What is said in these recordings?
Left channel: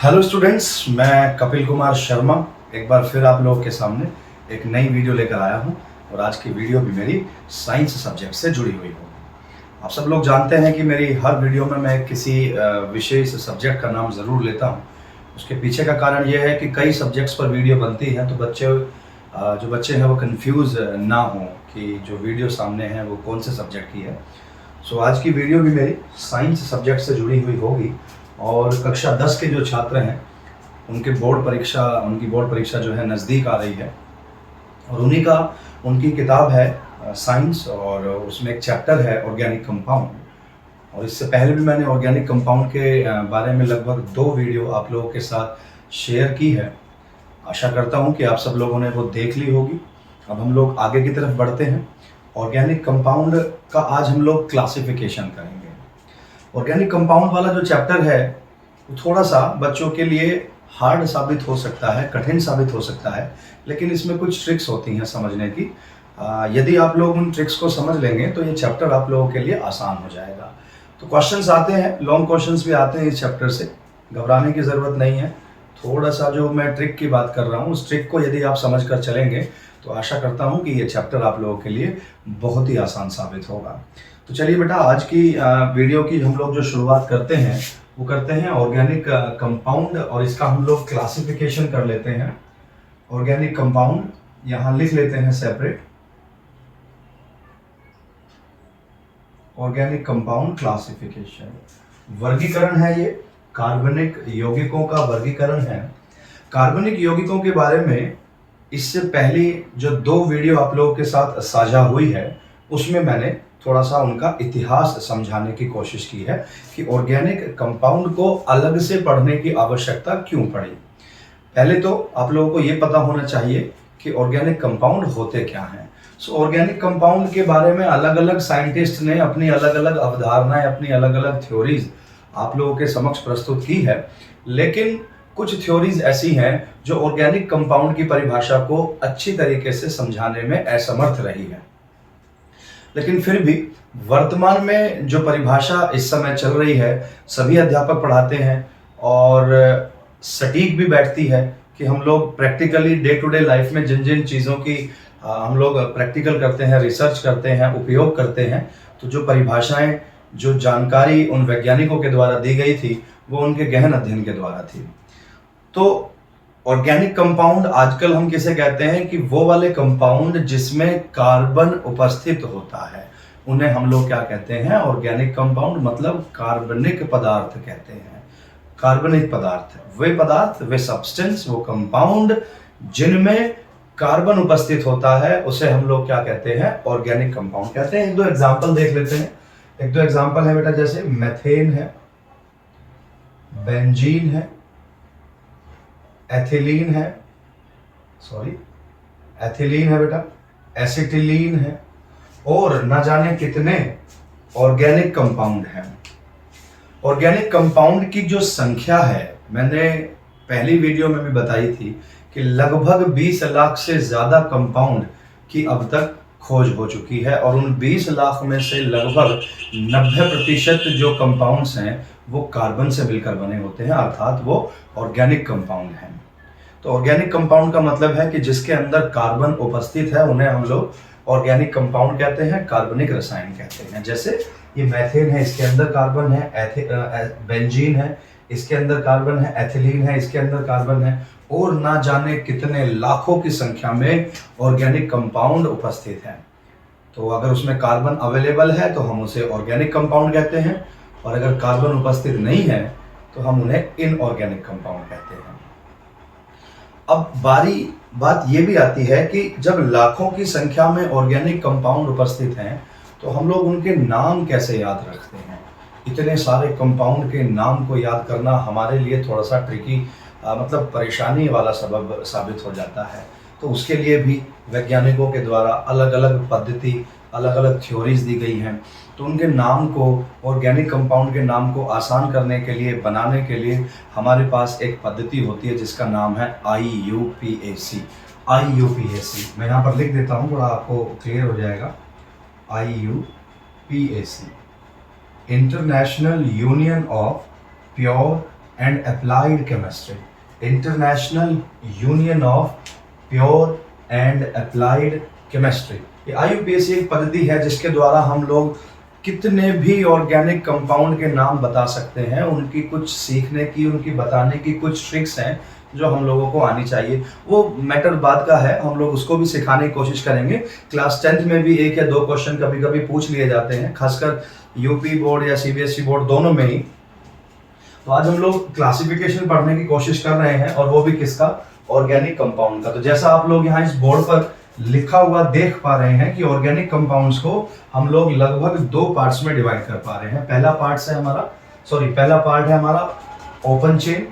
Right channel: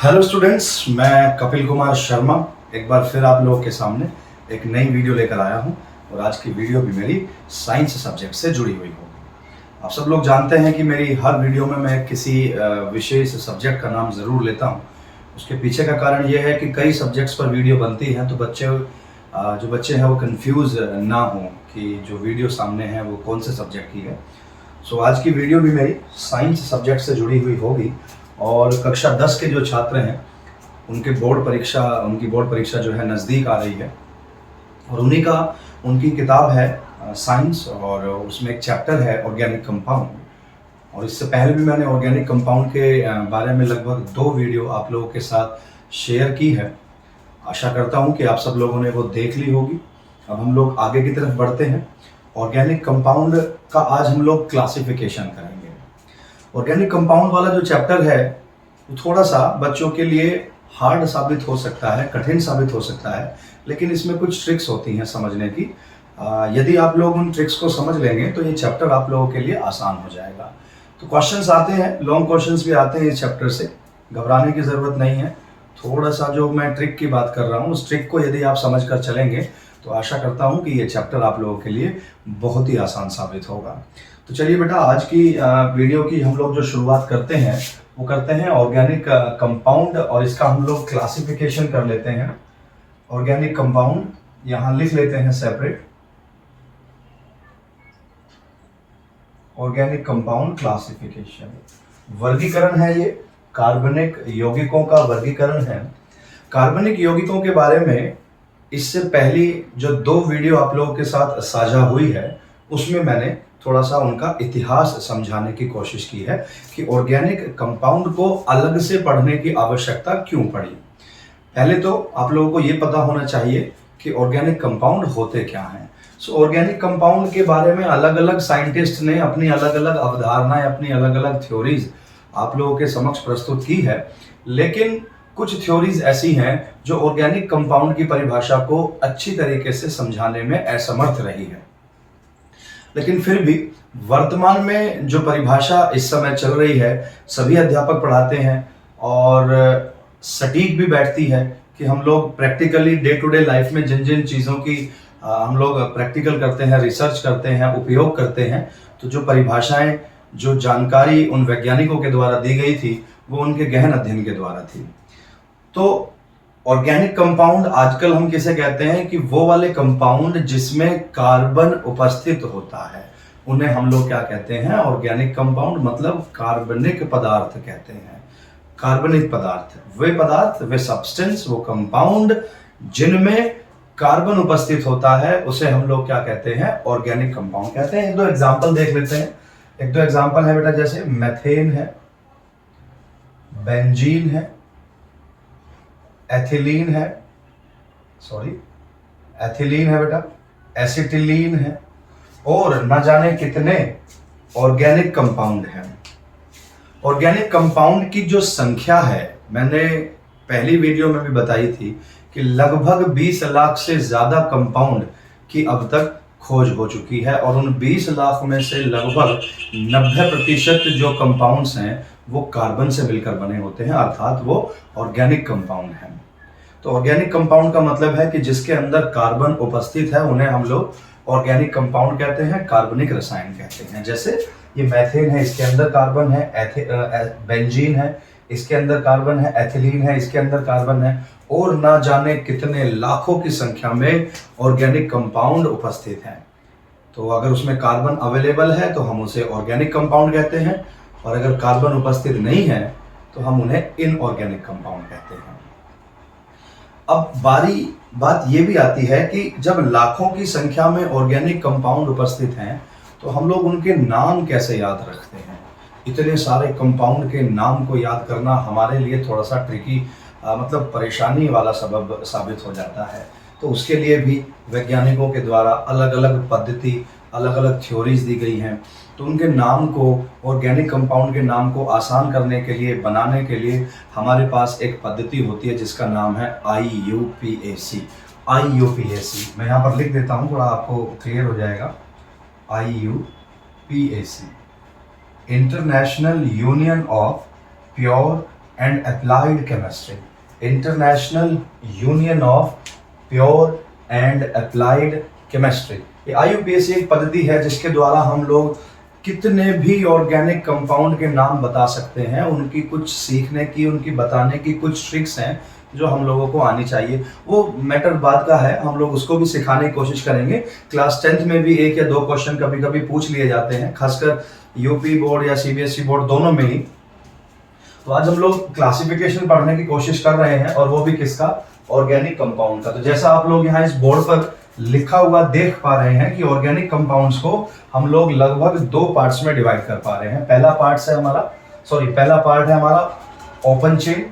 Hello students, मैं कपिल कुमार शर्मा एक बार फिर आप लोगों के सामने एक नई वीडियो लेकर आया हूं। और आज की वीडियो भी मेरी साइंस सब्जेक्ट से जुड़ी हुई होगी। आप सब लोग जानते हैं कि मेरी हर वीडियो में मैं किसी विशेष सब्जेक्ट का नाम ज़रूर लेता हूं। उसके पीछे का कारण यह है कि कई सब्जेक्ट्स पर वीडियो बनती हैं तो जो बच्चे हैं वो कंफ्यूज ना हों कि जो वीडियो सामने है वो कौन से सब्जेक्ट की है। सो आज की वीडियो भी मेरी साइंस सब्जेक्ट से जुड़ी हुई होगी। और कक्षा 10 के जो छात्र हैं उनकी बोर्ड परीक्षा जो है नज़दीक आ रही है। और उनकी किताब है साइंस, और उसमें एक चैप्टर है ऑर्गेनिक कंपाउंड। और इससे पहले भी मैंने ऑर्गेनिक कंपाउंड के बारे में लगभग 2 वीडियो आप लोगों के साथ शेयर की है। आशा करता हूँ कि आप सब लोगों ने वो देख ली होगी। अब हम लोग आगे की तरफ बढ़ते हैं। ऑर्गेनिक कंपाउंड का आज हम लोग क्लासिफिकेशन करेंगे। ऑर्गेनिक कंपाउंड वाला जो चैप्टर है वो थोड़ा सा बच्चों के लिए हार्ड साबित हो सकता है, कठिन साबित हो सकता है, लेकिन इसमें कुछ ट्रिक्स होती हैं समझने की। यदि आप लोग उन ट्रिक्स को समझ लेंगे तो ये चैप्टर आप लोगों के लिए आसान हो जाएगा। तो क्वेश्चंस आते हैं, लॉन्ग क्वेश्चंस भी आते हैं इस चैप्टर से, घबराने की ज़रूरत नहीं है। थोड़ा सा जो मैं ट्रिक की बात कर रहा हूँ उस ट्रिक को यदि आप समझ कर चलेंगे तो आशा करता हूँ कि ये चैप्टर आप लोगों के लिए बहुत ही आसान साबित होगा। तो चलिए बेटा, आज की वीडियो की हम लोग जो शुरुआत करते हैं वो करते हैं ऑर्गेनिक कंपाउंड, और इसका हम लोग क्लासिफिकेशन कर लेते हैं। ऑर्गेनिक कंपाउंड यहाँ लिख लेते हैं सेपरेट। ऑर्गेनिक कंपाउंड क्लासिफिकेशन, वर्गीकरण है ये, कार्बनिक यौगिकों का वर्गीकरण है। कार्बनिक यौगिकों के बारे में इससे पहली जो 2 वीडियो आप लोगों के साथ साझा हुई है उसमें मैंने थोड़ा सा उनका इतिहास समझाने की कोशिश की है कि ऑर्गेनिक कंपाउंड को अलग से पढ़ने की आवश्यकता क्यों पड़ी। पहले तो आप लोगों को ये पता होना चाहिए कि ऑर्गेनिक कंपाउंड होते क्या हैं। सो ऑर्गेनिक कंपाउंड के बारे में अलग अलग साइंटिस्ट ने अपनी अलग अलग अवधारणाएं, अपनी अलग अलग थ्योरीज आप लोगों के समक्ष प्रस्तुत की है। लेकिन कुछ थ्योरीज ऐसी हैं जो ऑर्गेनिक कंपाउंड की परिभाषा को अच्छी तरीके से समझाने में असमर्थ रही है। लेकिन फिर भी वर्तमान में जो परिभाषा इस समय चल रही है सभी अध्यापक पढ़ाते हैं और सटीक भी बैठती है कि हम लोग practically day to day life में जिन जिन चीज़ों की हम लोग प्रैक्टिकल करते हैं, रिसर्च करते हैं, उपयोग करते हैं, तो जो परिभाषाएं, जो जानकारी उन वैज्ञानिकों के द्वारा दी गई थी वो उनके गहन अध्ययन के द्वारा थी। तो ऑर्गेनिक कंपाउंड आजकल हम किसे कहते हैं कि वो वाले कंपाउंड जिसमें कार्बन उपस्थित होता है उन्हें हम लोग क्या कहते हैं, ऑर्गेनिक कंपाउंड, मतलब कार्बनिक पदार्थ कहते हैं। कार्बनिक पदार्थ, वे सब्सटेंस, वो कंपाउंड जिनमें कार्बन उपस्थित होता है उसे हम लोग क्या कहते हैं, ऑर्गेनिक कंपाउंड कहते हैं। 1-2 एग्जाम्पल देख लेते हैं। 1-2 एग्जाम्पल है बेटा, जैसे मेथेन है, बेंजीन है, एथिलीन है बेटा, एसिटिलीन है, और ना जाने कितने ऑर्गेनिक कंपाउंड हैं। ऑर्गेनिक कंपाउंड की जो संख्या है मैंने पहली वीडियो में भी बताई थी कि लगभग 20 लाख से ज्यादा कंपाउंड की अब तक खोज हो चुकी है, और उन 20 लाख में से लगभग 90% जो कंपाउंड्स हैं वो कार्बन से मिलकर बने होते हैं, अर्थात वो ऑर्गेनिक कंपाउंड हैं। तो ऑर्गेनिक कंपाउंड का मतलब है कि जिसके अंदर कार्बन उपस्थित है उन्हें हम लोग ऑर्गेनिक कंपाउंड कहते हैं, कार्बनिक रसायन कहते हैं। जैसे ये मेथेन है, इसके अंदर कार्बन है, बेंजीन है, इसके अंदर कार्बन है, एथिलीन है, इसके अंदर कार्बन है, और ना जाने कितने लाखों की संख्या में ऑर्गेनिक कंपाउंड उपस्थित हैं। तो अगर उसमें कार्बन अवेलेबल है तो हम उसे ऑर्गेनिक कंपाउंड कहते हैं, और अगर कार्बन उपस्थित नहीं है तो हम उन्हें इनऑर्गेनिक कंपाउंड कहते हैं। अब बात ये भी आती है कि जब लाखों की संख्या में ऑर्गेनिक कंपाउंड उपस्थित हैं तो हम लोग उनके नाम कैसे याद रखते हैं। इतने सारे कंपाउंड के नाम को याद करना हमारे लिए थोड़ा सा ट्रिकी, मतलब परेशानी वाला सबब साबित हो जाता है। तो उसके लिए भी वैज्ञानिकों के द्वारा अलग अलग पद्धति, अलग अलग थ्योरीज दी गई हैं। तो उनके नाम को, ऑर्गेनिक कंपाउंड के नाम को आसान करने के लिए, बनाने के लिए हमारे पास एक पद्धति होती है जिसका नाम है IUPAC। मैं यहाँ पर लिख देता हूँ, थोड़ा आपको क्लियर हो जाएगा। IUPAC, international union of pure and applied chemistry, international union of pure and applied chemistry. ये IUPAC एक पद्धति है जिसके द्वारा हम लोग कितने भी ऑर्गेनिक कंपाउंड के नाम बता सकते हैं, उनकी कुछ सीखने की, उनकी बताने की कुछ ट्रिक्स हैं जो हम लोगों को आनी चाहिए। वो मैटर बाद का है, हम लोग उसको भी सिखाने की कोशिश करेंगे। क्लास 10th में भी 1 या 2 क्वेश्चन कभी कभी पूछ लिए जाते हैं, खासकर यूपी बोर्ड या CBSE बोर्ड दोनों में ही। तो आज हम लोग क्लासिफिकेशन पढ़ने की कोशिश कर रहे हैं, और वो भी किसका, ऑर्गेनिक कंपाउंड का। तो जैसा आप लोग यहाँ इस बोर्ड पर लिखा हुआ देख पा रहे हैं कि ऑर्गेनिक कंपाउंड्स को हम लोग लगभग 2 पार्ट्स में डिवाइड कर पा रहे हैं। पहला पार्ट है हमारा ओपन चेन,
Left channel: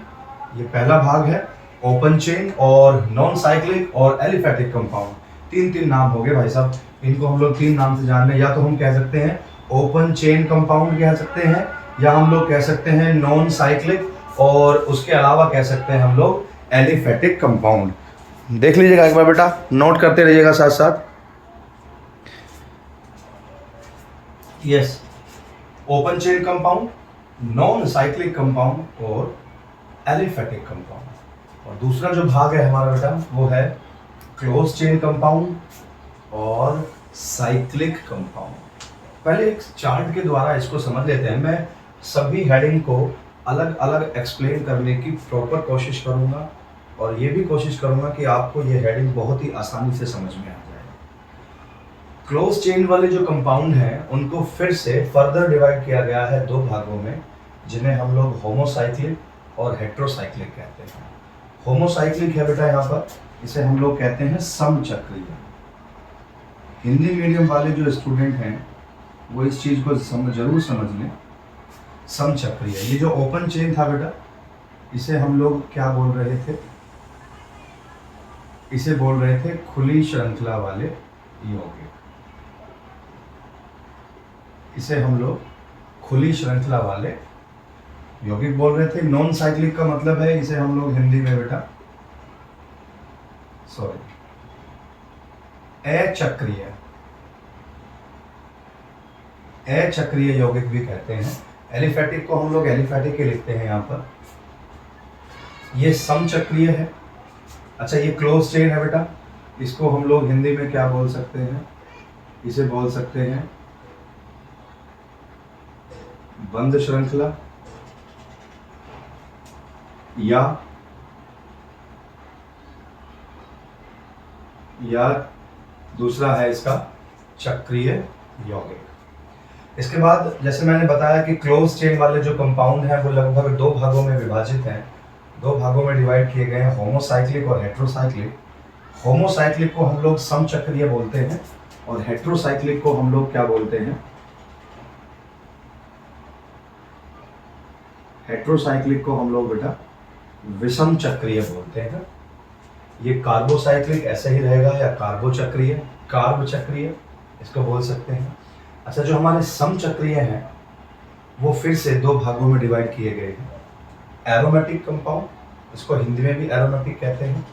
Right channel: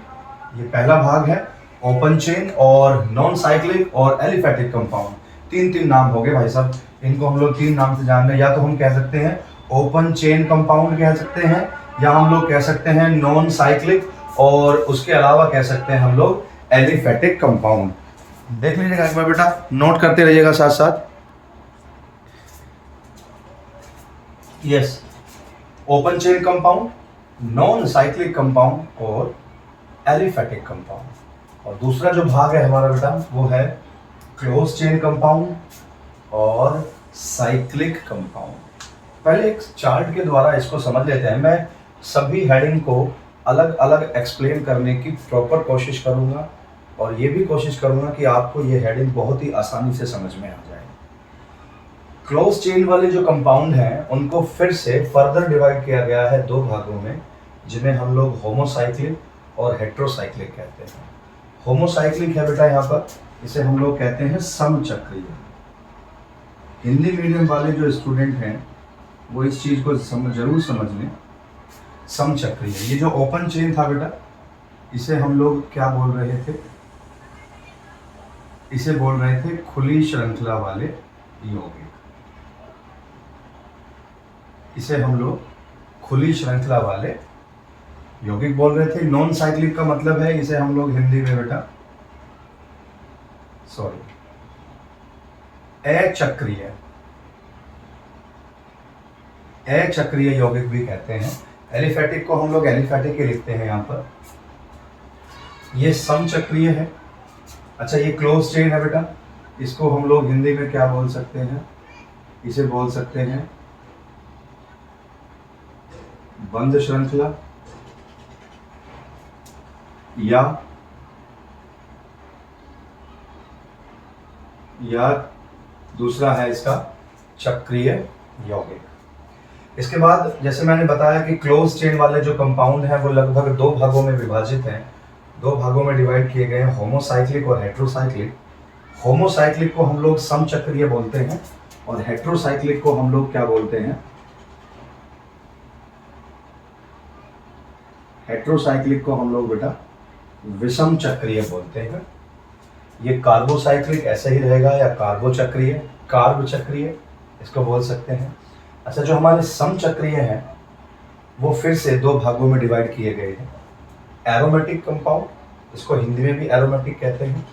ये पहला भाग है ओपन चेन, और नॉन साइक्लिक और एलिफेटिक कंपाउंड। 3 नाम हो गए भाई साहब, इनको हम लोग 3 नाम से जान रहे हैं। या तो हम कह सकते हैं ओपन चेन कंपाउंड कह सकते हैं, या हम लोग कह सकते हैं नॉन साइक्लिक, और उसके अलावा कह सकते हैं हम लोग एलिफेटिक कंपाउंड। देख लीजिएगा एक बार बेटा, नोट करते रहिएगा साथ साथ। Yes, open chain compound, non cyclic compound और एलिफेटिक कंपाउंड। और दूसरा जो भाग है हमारा बेटा वो है क्लोज चेन कंपाउंड और साइक्लिक कंपाउंड। पहले एक चार्ट के द्वारा इसको समझ लेते हैं। मैं सभी हेडिंग को अलग अलग एक्सप्लेन करने की प्रॉपर कोशिश करूंगा, और ये भी कोशिश करूंगा कि आपको ये हेडिंग बहुत ही आसानी से समझ में आ जाए। क्लोज चेन वाले जो कंपाउंड हैं उनको फिर से फर्दर डिवाइड किया गया है 2 भागों में, जिन्हें हम लोग होमोसाइक्लिक और हेट्रोसाइक्लिक कहते हैं। होमोसाइक्लिक है बेटा यहाँ पर, इसे हम लोग कहते हैं समचक्रीय। हिंदी मीडियम वाले जो स्टूडेंट हैं वो इस चीज को जरूर समझ लें। समचक्रीय, ये जो ओपन चेन था बेटा, इसे हम लोग क्या बोल रहे थे, इसे बोल रहे थे खुली श्रृंखला वाले यौगिक। इसे हम लोग खुली श्रृंखला वाले यौगिक बोल रहे थे। नॉन साइक्लिक का मतलब है, इसे हम लोग हिंदी में बेटा अचक्रीय यौगिक भी कहते हैं। एलिफेटिक को हम लोग एलिफेटिक ही लिखते हैं यहाँ पर। ये समचक्रीय है। अच्छा, ये क्लोज चेन है बेटा, इसको हम लोग हिंदी में क्या बोल सकते हैं, इसे बोल सकते हैं बंद श्रृंखला, या दूसरा है इसका चक्रीय यौगिक। इसके बाद जैसे मैंने बताया कि क्लोज चेन वाले जो कंपाउंड हैं वो लगभग 2 भागों में विभाजित हैं, 2 भागों में डिवाइड किए गए हैं, होमोसाइक्लिक और हेट्रोसाइक्लिक। होमोसाइक्लिक को हम लोग समचक्रीय बोलते हैं, और हेट्रोसाइक्लिक को हम लोग क्या बोलते हैं, हेट्रोसाइक्लिक को हम लोग बेटा विषम चक्रीय बोलते हैं। ये कार्बोसाइक्लिक ऐसे ही रहेगा, या कार्बोचक्रीय, कार्ब चक्रीय इसको बोल सकते हैं। अच्छा, जो हमारे समचक्रीय हैं वो फिर से 2 भागों में डिवाइड किए गए हैं। एरोमेटिक कंपाउंड, इसको हिंदी में भी एरोमेटिक कहते हैं,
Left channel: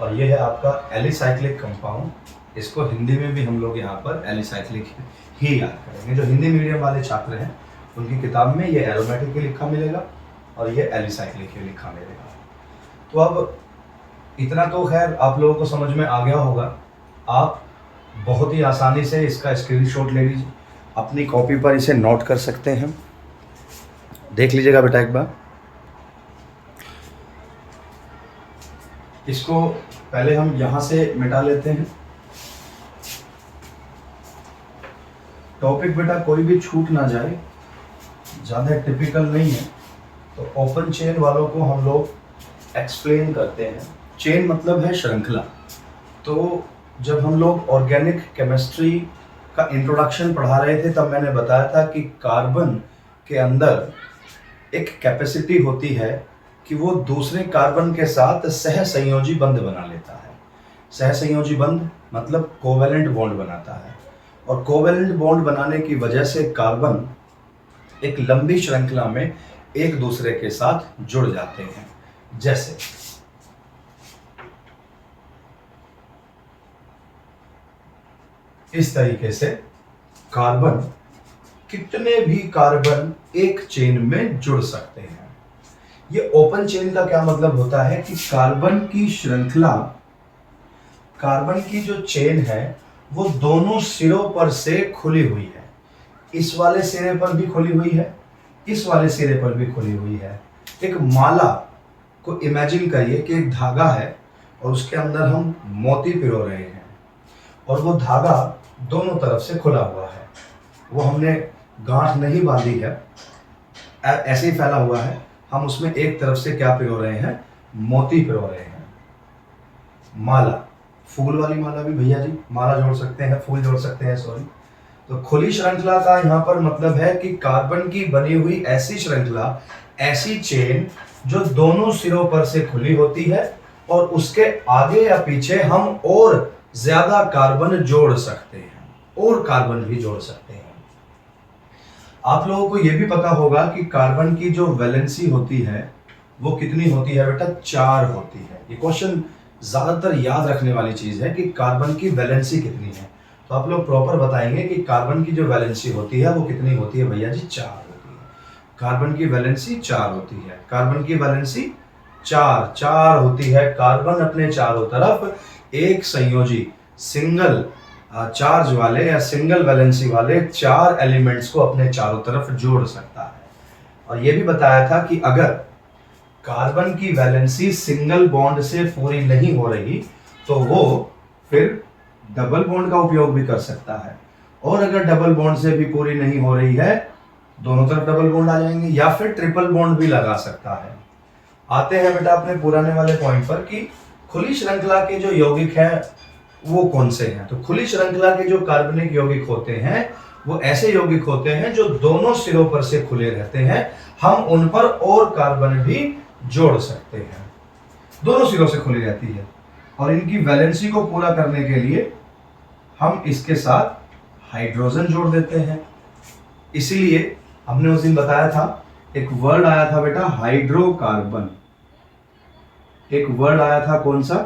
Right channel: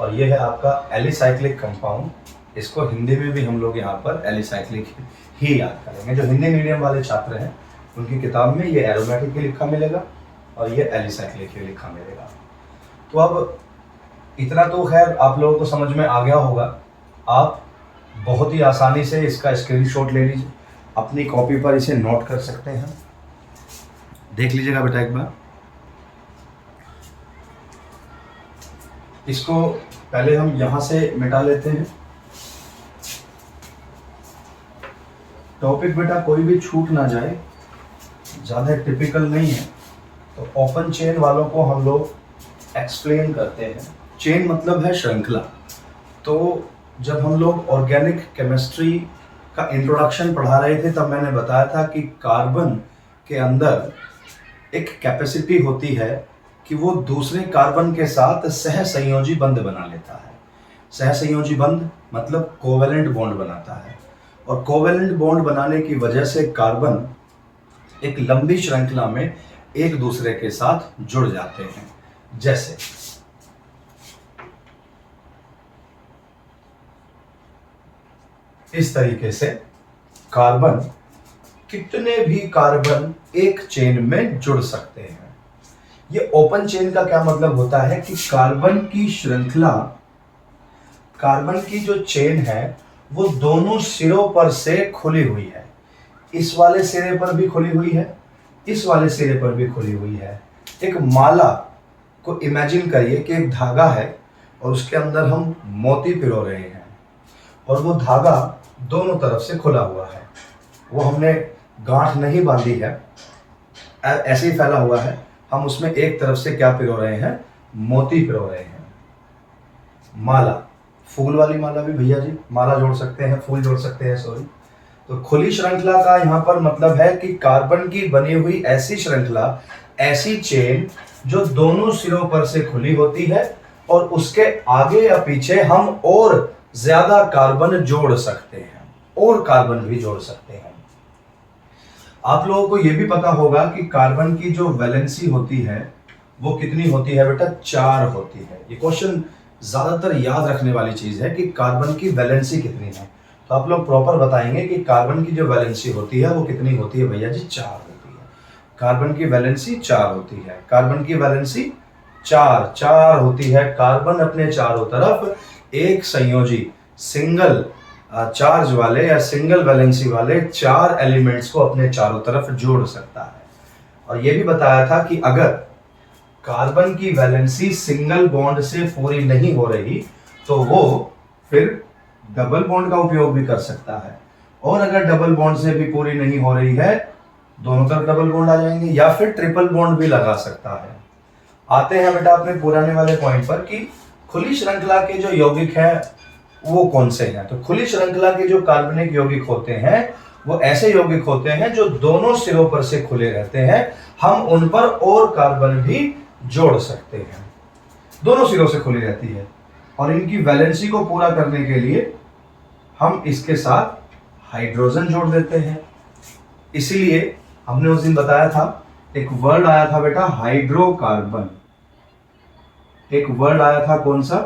और ये है आपका एलिसाइक्लिक कंपाउंड, इसको हिंदी में भी हम लोग यहाँ पर एलिसाइक्लिक ही याद करेंगे। जो हिंदी मीडियम वाले छात्र हैं उनकी किताब में ये एरोमेटिक ही लिखा मिलेगा और ये एलिसाइक्लिक ही लिखा मिलेगा। तो अब इतना तो खैर आप लोगों को समझ में आ गया होगा। आप बहुत ही आसानी से इसका स्क्रीनशॉट ले लीजिए, अपनी कॉपी पर इसे नोट कर सकते हैं। देख लीजिएगा बेटा एक बार। इसको पहले हम यहां से मिटा लेते हैं। टॉपिक बेटा कोई भी छूट ना जाए, ज़्यादा टिपिकल नहीं है, तो ओपन चेन वालों को हम लोग एक्सप्लेन करते हैं। चेन मतलब है श्रृंखला। तो जब हम लोग ऑर्गेनिक केमिस्ट्री का इंट्रोडक्शन पढ़ा रहे थे तब मैंने बताया था कि कार्बन के अंदर एक कैपेसिटी होती है कि वो दूसरे कार्बन के साथ सहसंयोजी बंध बना लेता है। सहसंयोजी बंध मतलब कोवेलेंट बॉन्ड बनाता है, और कोवेलेंट बॉन्ड बनाने की वजह से कार्बन एक लंबी श्रृंखला में एक दूसरे के साथ जुड़ जाते हैं। जैसे इस तरीके से कार्बन, कितने भी कार्बन एक चेन में जुड़ सकते हैं। ये ओपन चेन का क्या मतलब होता है कि कार्बन की श्रृंखला, कार्बन की जो चेन है वो दोनों सिरों पर से खुली हुई है। इस वाले सिरे पर भी खुली हुई है, इस वाले सिरे पर भी खुली हुई है। एक माला को इमेजिन करिए कि एक धागा है और उसके अंदर हम मोती पिरो रहे हैं और वो धागा दोनों तरफ से खुला हुआ है। वो हमने गांठ नहीं बांधी है, ऐसे ही फैला हुआ है। हम उसमें एक तरफ से क्या पिरो रहे हैं, मोती पिरो रहे हैं। माला, फूल वाली माला भी भैया जी माला जोड़ सकते हैं, फूल जोड़ सकते हैं, सॉरी। तो खुली श्रृंखला का यहाँ पर मतलब है कि कार्बन की बनी हुई ऐसी श्रृंखला, ऐसी चेन जो दोनों सिरों पर से खुली होती है और उसके आगे या पीछे हम और ज्यादा कार्बन जोड़ सकते हैं, और कार्बन भी जोड़ सकते हैं। आप लोगों को यह भी पता होगा कि कार्बन की जो वैलेंसी होती है वो कितनी होती है बेटा, 4 होती है। ये क्वेश्चन ज्यादातर याद रखने वाली चीज है कि कार्बन की वैलेंसी कितनी है। तो आप लोग प्रॉपर बताएंगे कि कार्बन की जो वैलेंसी होती है वो कितनी होती है भैया जी, 4 होती है। कार्बन की वैलेंसी 4 होती है। कार्बन की वैलेंसी 4 होती है। कार्बन अपने चारों तरफ एक संयोजी सिंगल चार्ज वाले या सिंगल वैलेंसी वाले 4 एलिमेंट्स को अपने चारों तरफ जोड़ सकता है। और यह भी बताया था कि अगर कार्बन की वैलेंसी सिंगल बॉन्ड से पूरी नहीं हो रही तो वो फिर डबल बॉन्ड का उपयोग भी कर सकता है, और अगर डबल बॉन्ड से भी पूरी नहीं हो रही है, दोनों तरफ डबल बॉन्ड आ जाएंगे, या फिर ट्रिपल बॉन्ड भी लगा सकता है। आते हैं बेटा अपने पुराने वाले पॉइंट पर कि खुली श्रृंखला के जो यौगिक हैं वो कौन से हैं। तो खुली श्रृंखला के जो कार्बनिक यौगिक होते हैं वो ऐसे यौगिक होते हैं जो दोनों सिरों पर से खुले रहते हैं। हम उन पर और कार्बन भी जोड़ सकते हैं, दोनों सिरों से खुली रहती है। और इनकी वैलेंसी को पूरा करने के लिए हम इसके साथ हाइड्रोजन जोड़ देते हैं। इसलिए हमने उस दिन बताया था, एक वर्ड आया था बेटा हाइड्रोकार्बन। एक वर्ड आया था कौन सा,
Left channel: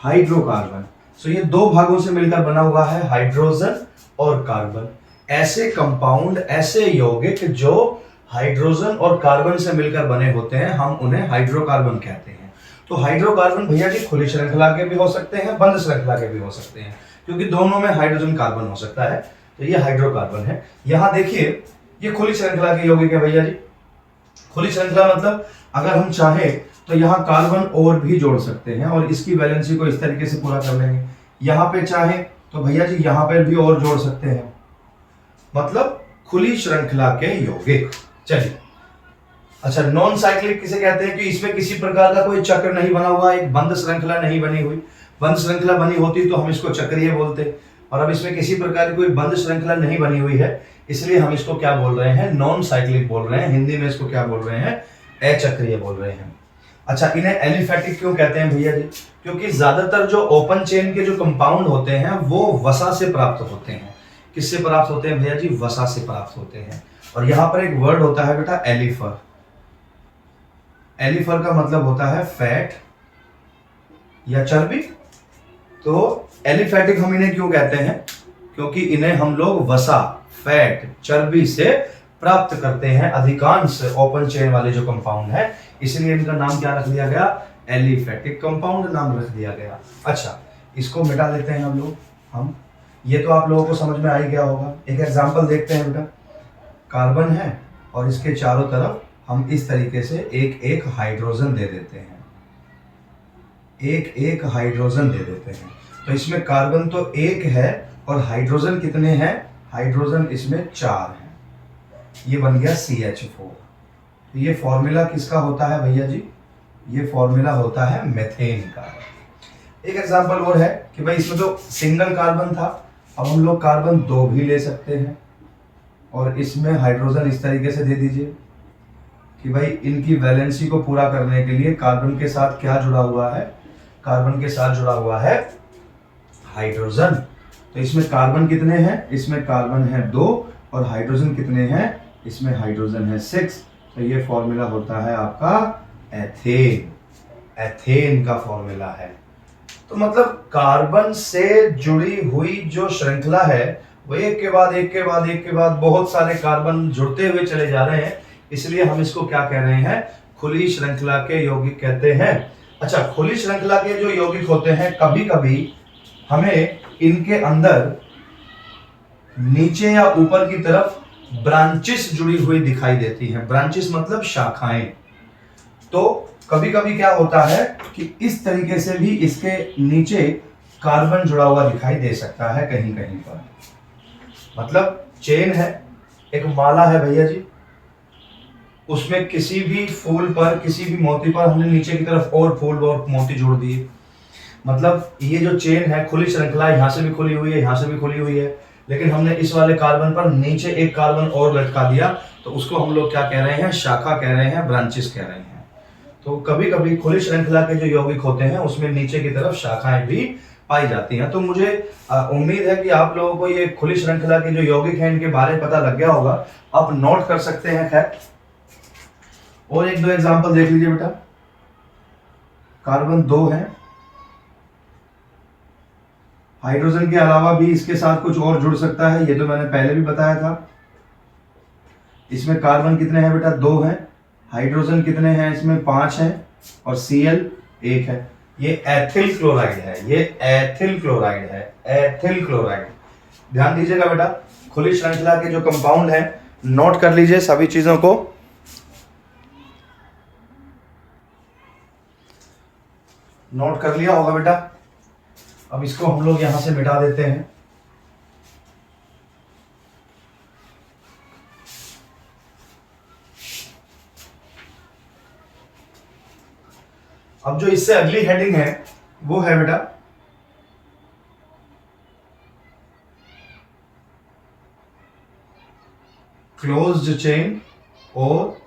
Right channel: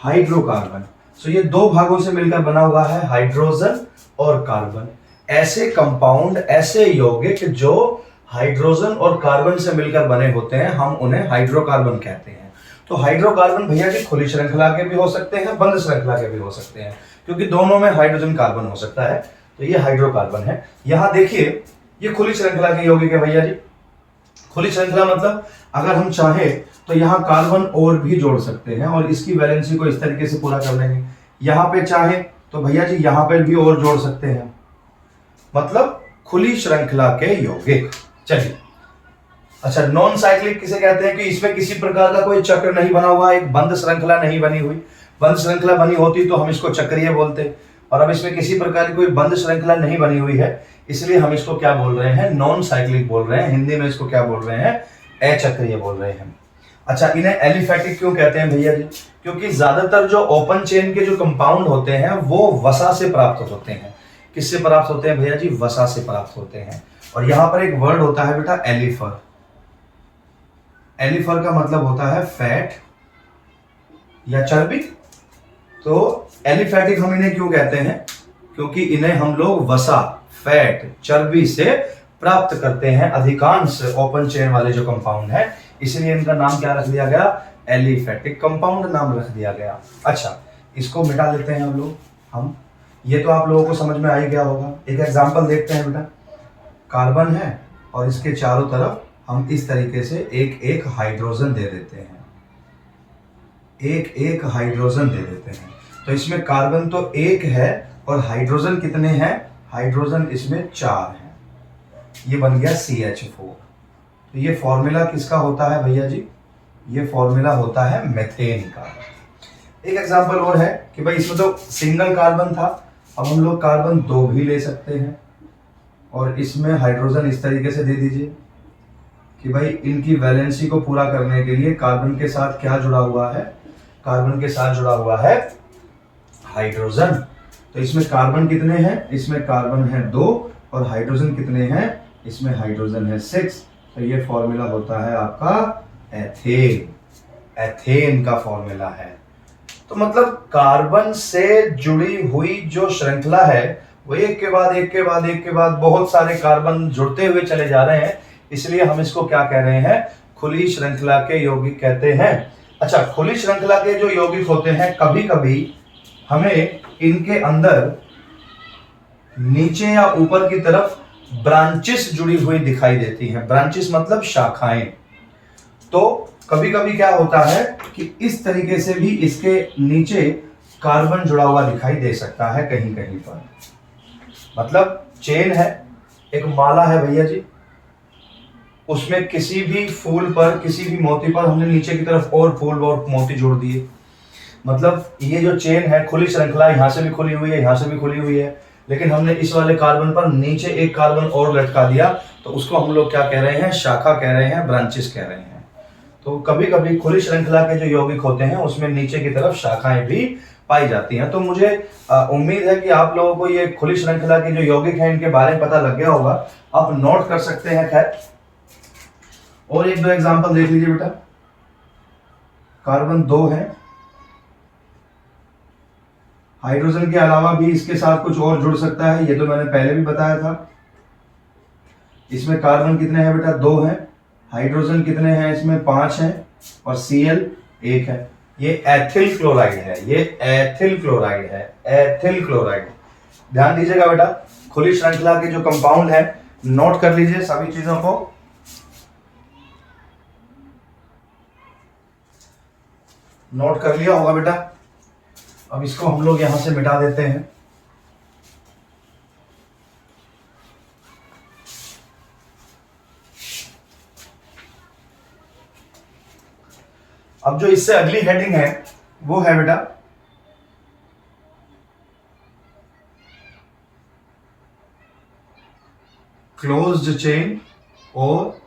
हाइड्रोकार्बन। सो ये 2 भागों से मिलकर बना हुआ है, हाइड्रोजन और कार्बन। ऐसे कंपाउंड, ऐसे यौगिक जो हाइड्रोजन और कार्बन से मिलकर बने होते हैं, हम उन्हें हाइड्रोकार्बन कहते हैं। तो हाइड्रोकार्बन भैया जी खुली श्रृंखला के भी हो सकते हैं, बंद श्रृंखला के भी हो सकते हैं, क्योंकि दोनों में हाइड्रोजन कार्बन हो सकता है। तो ये हाइड्रोकार्बन है। यहां देखिए ये खुली श्रृंखला के यौगिक है भैया जी। खुली श्रृंखला मतलब अगर हम चाहें तो यहाँ कार्बन और भी जोड़ सकते हैं और इसकी वैलेंसी को इस तरीके से पूरा कर लेंगे। यहाँ पे चाहें तो भैया जी यहाँ पे भी और जोड़ सकते हैं, मतलब खुली श्रृंखला के यौगिक। चलिए, अच्छा, नॉन साइक्लिक किसे कहते हैं कि इसमें किसी प्रकार का कोई चक्र नहीं बना हुआ, एक बंद श्रृंखला नहीं बनी हुई। बंद श्रृंखला बनी होती तो हम इसको चक्रीय बोलते, और अब इसमें किसी प्रकार की कोई बंद श्रृंखला नहीं बनी हुई है, इसलिए हम इसको क्या बोल रहे हैं, नॉन साइक्लिक बोल रहे हैं। हिंदी में इसको क्या बोल रहे हैं, अचक्रीय बोल रहे हैं। अच्छा, इन्हें एलिफैटिक क्यों कहते हैं भैया जी, क्योंकि ज्यादातर जो ओपन चेन के जो कंपाउंड होते हैं वो वसा से प्राप्त होते हैं। किससे प्राप्त होते हैं भैया जी, वसा से प्राप्त होते हैं। और यहां पर एक वर्ड होता है बेटा एलिफर। एलिफर का मतलब होता है फैट या चर्बी। तो एलिफैटिक हम इन्हें क्यों कहते हैं, क्योंकि इन्हें हम लोग वसा, फैट, चर्बी से प्राप्त करते हैं अधिकांश ओपन चेन वाले जो कंपाउंड है, इसलिए इनका नाम क्या रख दिया गया, एलिफैटिक कंपाउंड नाम रख दिया गया। अच्छा, इसको मिटा लेते हैं हम ये तो आप लोगों को समझ में आ ही गया होगा। एक एग्जांपल देखते हैं बेटा, कार्बन है और इसके चारों तरफ हम इस तरीके से एक एक हाइड्रोजन दे देते हैं, एक एक हाइड्रोजन दे देते हैं। तो इसमें कार्बन तो 1 है और हाइड्रोजन कितने हैं, हाइड्रोजन इसमें 4 हैं। ये बन गया CH4। तो ये फॉर्मूला किसका होता है भैया जी, ये फॉर्मूला होता है मेथेन का। एक एग्जांपल और है कि भाई इसमें तो सिंगल कार्बन था, अब हम लोग कार्बन 2 भी ले सकते हैं और इसमें हाइड्रोजन इस तरीके से दे दीजिए कि भाई इनकी वैलेंसी को पूरा करने के लिए कार्बन के साथ क्या जुड़ा हुआ है, कार्बन के साथ जुड़ा हुआ है हाइड्रोजन। तो इसमें कार्बन कितने हैं, इसमें कार्बन है 2 और हाइड्रोजन कितने हैं, इसमें हाइड्रोजन है 6। तो ये फॉर्मूला होता है आपका एथेन, एथेन का फॉर्मूला है। तो मतलब कार्बन से जुड़ी हुई जो श्रृंखला है वो एक के बाद एक के बाद एक के बाद बहुत सारे कार्बन जुड़ते हुए चले जा रहे हैं, इसलिए हम इसको क्या कह रहे हैं, खुली श्रृंखला के यौगिक कहते हैं। अच्छा, खुली श्रृंखला के जो यौगिक होते हैं कभी कभी हमें इनके अंदर नीचे या ऊपर की तरफ ब्रांचेस जुड़ी हुई दिखाई देती हैं। ब्रांचेस मतलब शाखाएं। तो कभी कभी क्या होता है कि इस तरीके से भी इसके नीचे कार्बन जुड़ा हुआ दिखाई दे सकता है कहीं कहीं पर। मतलब चेन है, एक माला है भैया जी, उसमें किसी भी फूल पर, किसी भी मोती पर हमने नीचे की तरफ और फूल और मोती जोड़ दिए। मतलब ये जो चेन है, खुली श्रृंखला, यहां से भी खुली हुई है, यहां से भी खुली हुई है, लेकिन हमने इस वाले कार्बन पर नीचे एक कार्बन और लटका दिया, तो उसको हम लोग क्या कह रहे हैं? शाखा कह रहे हैं, ब्रांचेस कह रहे हैं। तो कभी कभी खुली श्रृंखला के जो यौगिक होते हैं उसमें नीचे की तरफ शाखाएं भी पाई जाती हैं। तो मुझे उम्मीद है कि आप लोगों को ये खुली श्रृंखला के जो यौगिक हैं इनके बारे में पता लग गया होगा। आप नोट कर सकते हैं। खैर, और एक दो एग्जांपल देख लीजिए बेटा। कार्बन 2 है, हाइड्रोजन के अलावा भी इसके साथ कुछ और जुड़ सकता है, ये तो मैंने पहले भी बताया था। इसमें कार्बन कितने हैं बेटा? 2 हैं। हाइड्रोजन कितने हैं इसमें? 5 हैं। और Cl 1 है। ये एथिल क्लोराइड है, ये एथिल क्लोराइड है, एथिल क्लोराइड। ध्यान दीजिएगा बेटा, खुली श्रृंखला के जो कंपाउंड है नोट कर लीजिए सभी चीजों को। नोट कर लिया होगा बेटा। अब इसको हम लोग यहां से मिटा देते हैं। अब जो इससे अगली हेडिंग है वो है बेटा क्लोज्ड चेन और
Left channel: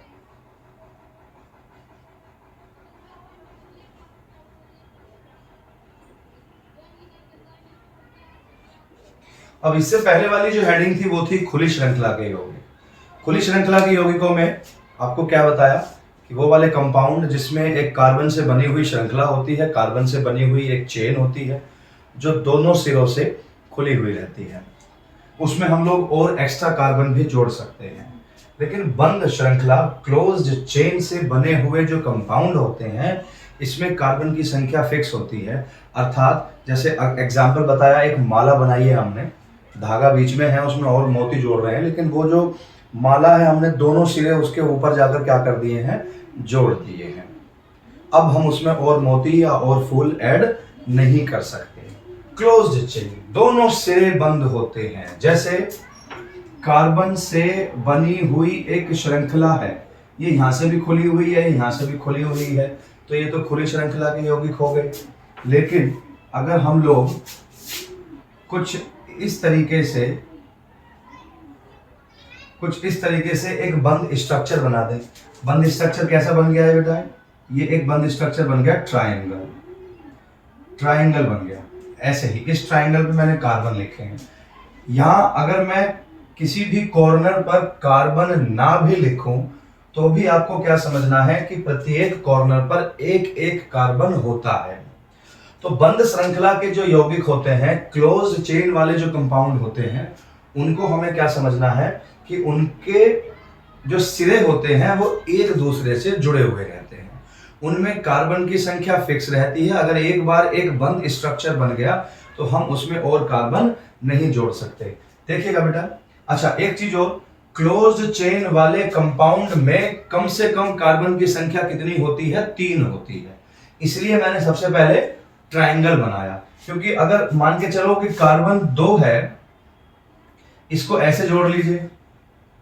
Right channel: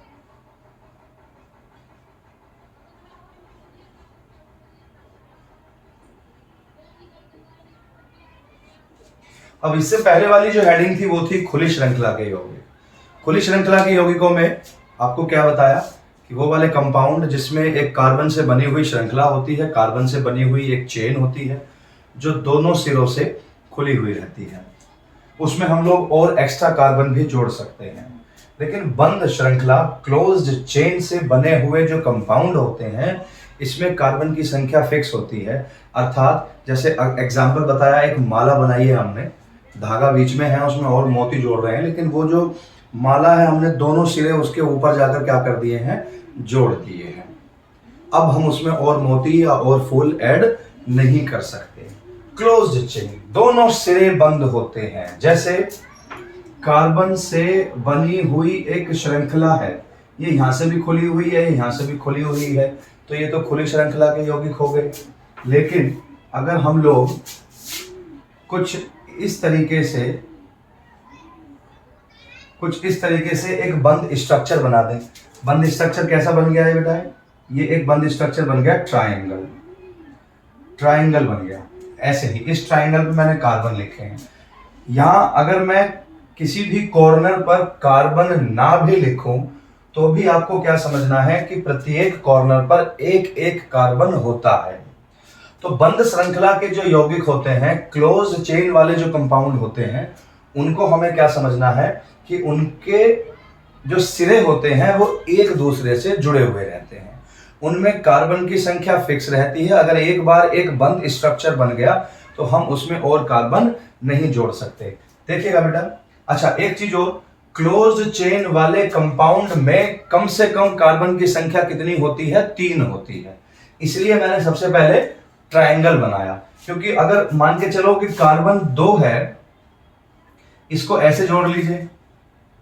अब इससे पहले वाली जो हेडिंग थी वो थी खुली श्रृंखला के यौगिक। खुली श्रृंखला के यौगिकों में आपको क्या बताया कि वो वाले कंपाउंड जिसमें एक कार्बन से बनी हुई श्रृंखला होती है, कार्बन से बनी हुई एक चेन होती है जो दोनों सिरों से खुली हुई रहती है, उसमें हम लोग और एक्स्ट्रा कार्बन भी जोड़ सकते हैं। लेकिन बंद श्रृंखला, क्लोज्ड चेन से बने हुए जो कंपाउंड होते हैं इसमें कार्बन की संख्या फिक्स होती है। अर्थात जैसे एग्जाम्पल बताया, एक माला बनाई है हमने, धागा बीच में है, उसमें और मोती जोड़ रहे हैं, लेकिन वो जो माला है हमने दोनों सिरे उसके ऊपर जाकर क्या कर दिए हैं? जोड़ दिए हैं। अब हम उसमें और मोती या और फूल ऐड नहीं कर सकते। क्लोज्ड चेन, दोनों सिरे बंद होते हैं। जैसे कार्बन से बनी हुई एक श्रृंखला है, ये यहां से भी खुली हुई है, यहां से भी खुली हुई है, तो ये तो खुली श्रृंखला के यौगिक हो गए। लेकिन अगर हम लोग कुछ इस तरीके से एक बंद स्ट्रक्चर बना दें। बंद स्ट्रक्चर कैसा बन गया है बेटा? ये एक बंद स्ट्रक्चर बन गया ट्रायंगल। ट्रायंगल बन गया ऐसे ही। इस ट्रायंगल पे मैंने कार्बन लिखे हैं। यहां अगर मैं किसी भी कॉर्नर पर कार्बन ना भी लिखूं तो भी आपको क्या समझना है कि प्रत्येक कॉर्नर पर एक एक कार्बन होता है। तो बंद श्रृंखला के जो यौगिक होते हैं, क्लोज चेन वाले जो कंपाउंड होते हैं, उनको हमें क्या समझना है कि उनके जो सिरे होते हैं वो एक दूसरे से जुड़े हुए रहते हैं। उनमें कार्बन की संख्या फिक्स रहती है। अगर एक बार एक बंद स्ट्रक्चर बन गया तो हम उसमें और कार्बन नहीं जोड़ सकते। देखिएगा बेटा। अच्छा, एक चीज और, क्लोज्ड चेन वाले कंपाउंड में कम से कम कार्बन की संख्या कितनी होती है? 3 होती है। इसलिए मैंने सबसे पहले ट्रायंगल बनाया, क्योंकि अगर मान के चलो कि कार्बन 2 है, इसको ऐसे जोड़ लीजिए,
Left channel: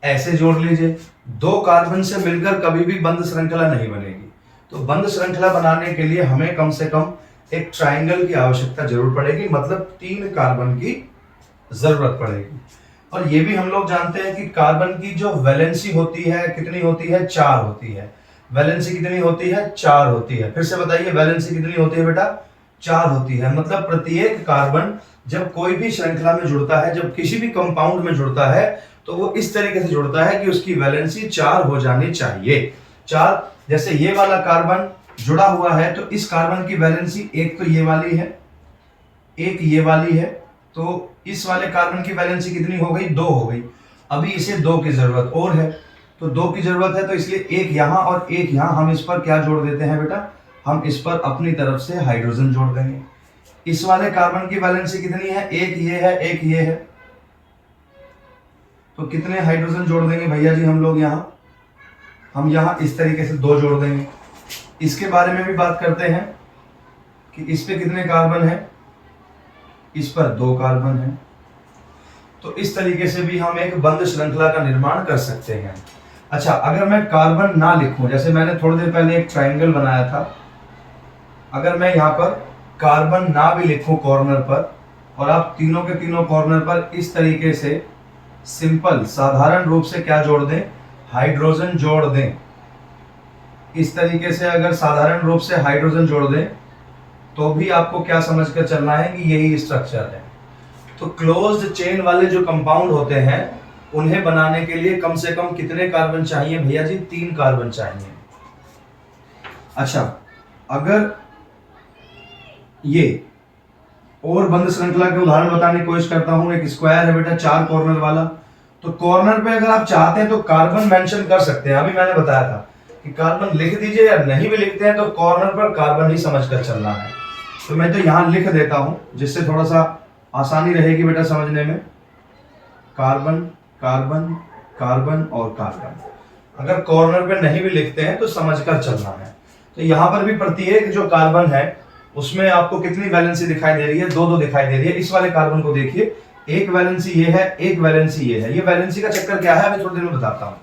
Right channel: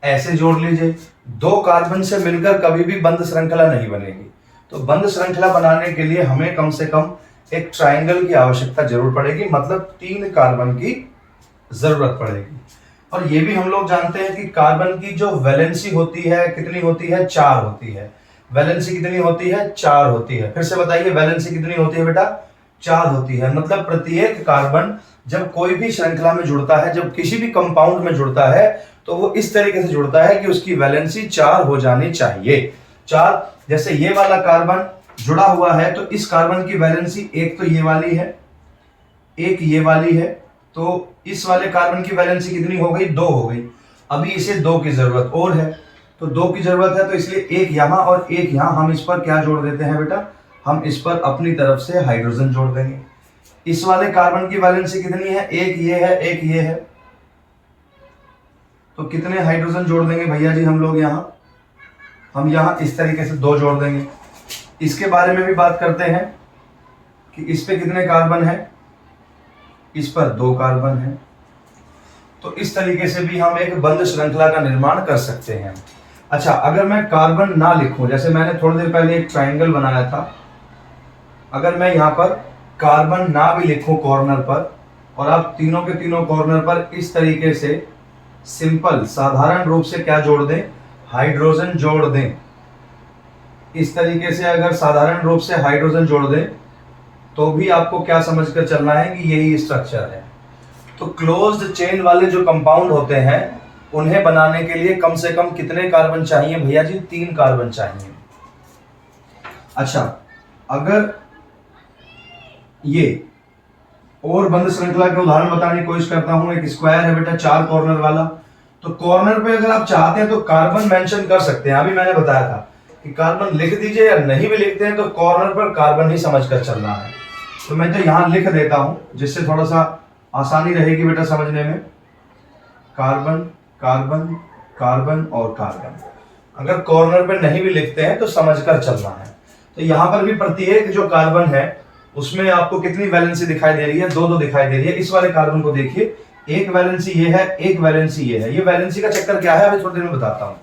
ऐसे जोड़ लीजिए, 2 कार्बन से मिलकर कभी भी बंद श्रृंखला नहीं बनेगी। तो बंद श्रृंखला बनाने के लिए हमें कम से कम एक ट्रायंगल की आवश्यकता जरूर पड़ेगी, मतलब 3 कार्बन की जरूरत पड़ेगी। और ये भी हम लोग जानते हैं कि कार्बन की जो वैलेंसी होती है कितनी होती है? 4 होती है। वैलेंसी कितनी होती है? 4 होती है। फिर से बताइए, वैलेंसी कितनी होती है बेटा? 4 होती है। मतलब प्रत्येक कार्बन जब कोई भी श्रृंखला में जुड़ता है, जब किसी भी कंपाउंड में जुड़ता है, तो वो इस तरीके से जुड़ता है कि उसकी वैलेंसी 4 हो जानी चाहिए। 4, जैसे ये वाला कार्बन जुड़ा हुआ है तो इस कार्बन की वैलेंसी एक तो ये वाली है, एक ये वाली है, तो इस वाले कार्बन की वैलेंसी कितनी हो गई? 2 हो गई। अभी इसे 2 की जरूरत और है, तो 2 की जरूरत है, तो इसलिए एक यहाँ और एक यहाँ। हम इस पर क्या जोड़ देते हैं बेटा, हम इस पर अपनी तरफ से हाइड्रोजन जोड़ देंगे। इस वाले कार्बन की वैलेंसी कितनी है, एक ये है एक ये है, तो कितने हाइड्रोजन जोड़ देंगे भैया जी हम लोग यहाँ, हम यहाँ इस तरीके से 2 जोड़ देंगे। इसके बारे में भी बात करते हैं कि इस पे कितने कार्बन है, इस पर 2 कार्बन है। तो इस तरीके से भी हम एक बंद श्रृंखला का निर्माण कर सकते हैं। अच्छा, अगर मैं कार्बन ना लिखूं, जैसे मैंने थोड़ी देर पहले एक ट्रायंगल बनाया था, अगर मैं यहाँ पर कार्बन ना भी लिखूं कॉर्नर पर, और आप तीनों के तीनों कॉर्नर पर इस तरीके से सिंपल साधारण रूप से क्या जोड़ दें, हाइड्रोजन जोड़ दें। इस तरीके से अगर साधारण रूप से हाइड्रोजन जोड़ दें तो भी आपको क्या समझकर चलना है कि यही स्ट्रक्चर है। तो क्लोज्ड चेन वाले जो कंपाउंड होते हैं उन्हें बनाने के लिए कम से कम कितने कार्बन चाहिए भैया जी, 3 कार्बन चाहिए। अच्छा, अगर ये और बंद श्रृंखला के उदाहरण बताने की कोशिश करता हूं, एक स्क्वायर है बेटा 4 कॉर्नर वाला, तो कॉर्नर पे अगर आप चाहते हैं तो कार्बन मेंशन कर सकते हैं। अभी मैंने बताया था कि कार्बन लिख दीजिए, या नहीं भी लिखते हैं तो कॉर्नर पर कार्बन ही समझकर चलना है। तो मैं तो यहां लिख देता हूं जिससे थोड़ा सा आसानी रहेगी बेटा समझने में। कार्बन कार्बन कार्बन और कार्बन। अगर कॉर्नर पे नहीं भी लिखते हैं तो समझकर चलना है। तो यहां पर भी प्रत्येक जो कार्बन है उसमें आपको कितनी वैलेंसी दिखाई दे रही है, 2 2 दिखाई दे रही है। इस वाले कार्बन को देखिए, एक वैलेंसी ये है, एक वैलेंसी ये है। ये वैलेंसी का चक्कर क्या है अभी थोड़ी देर में बताता हूं।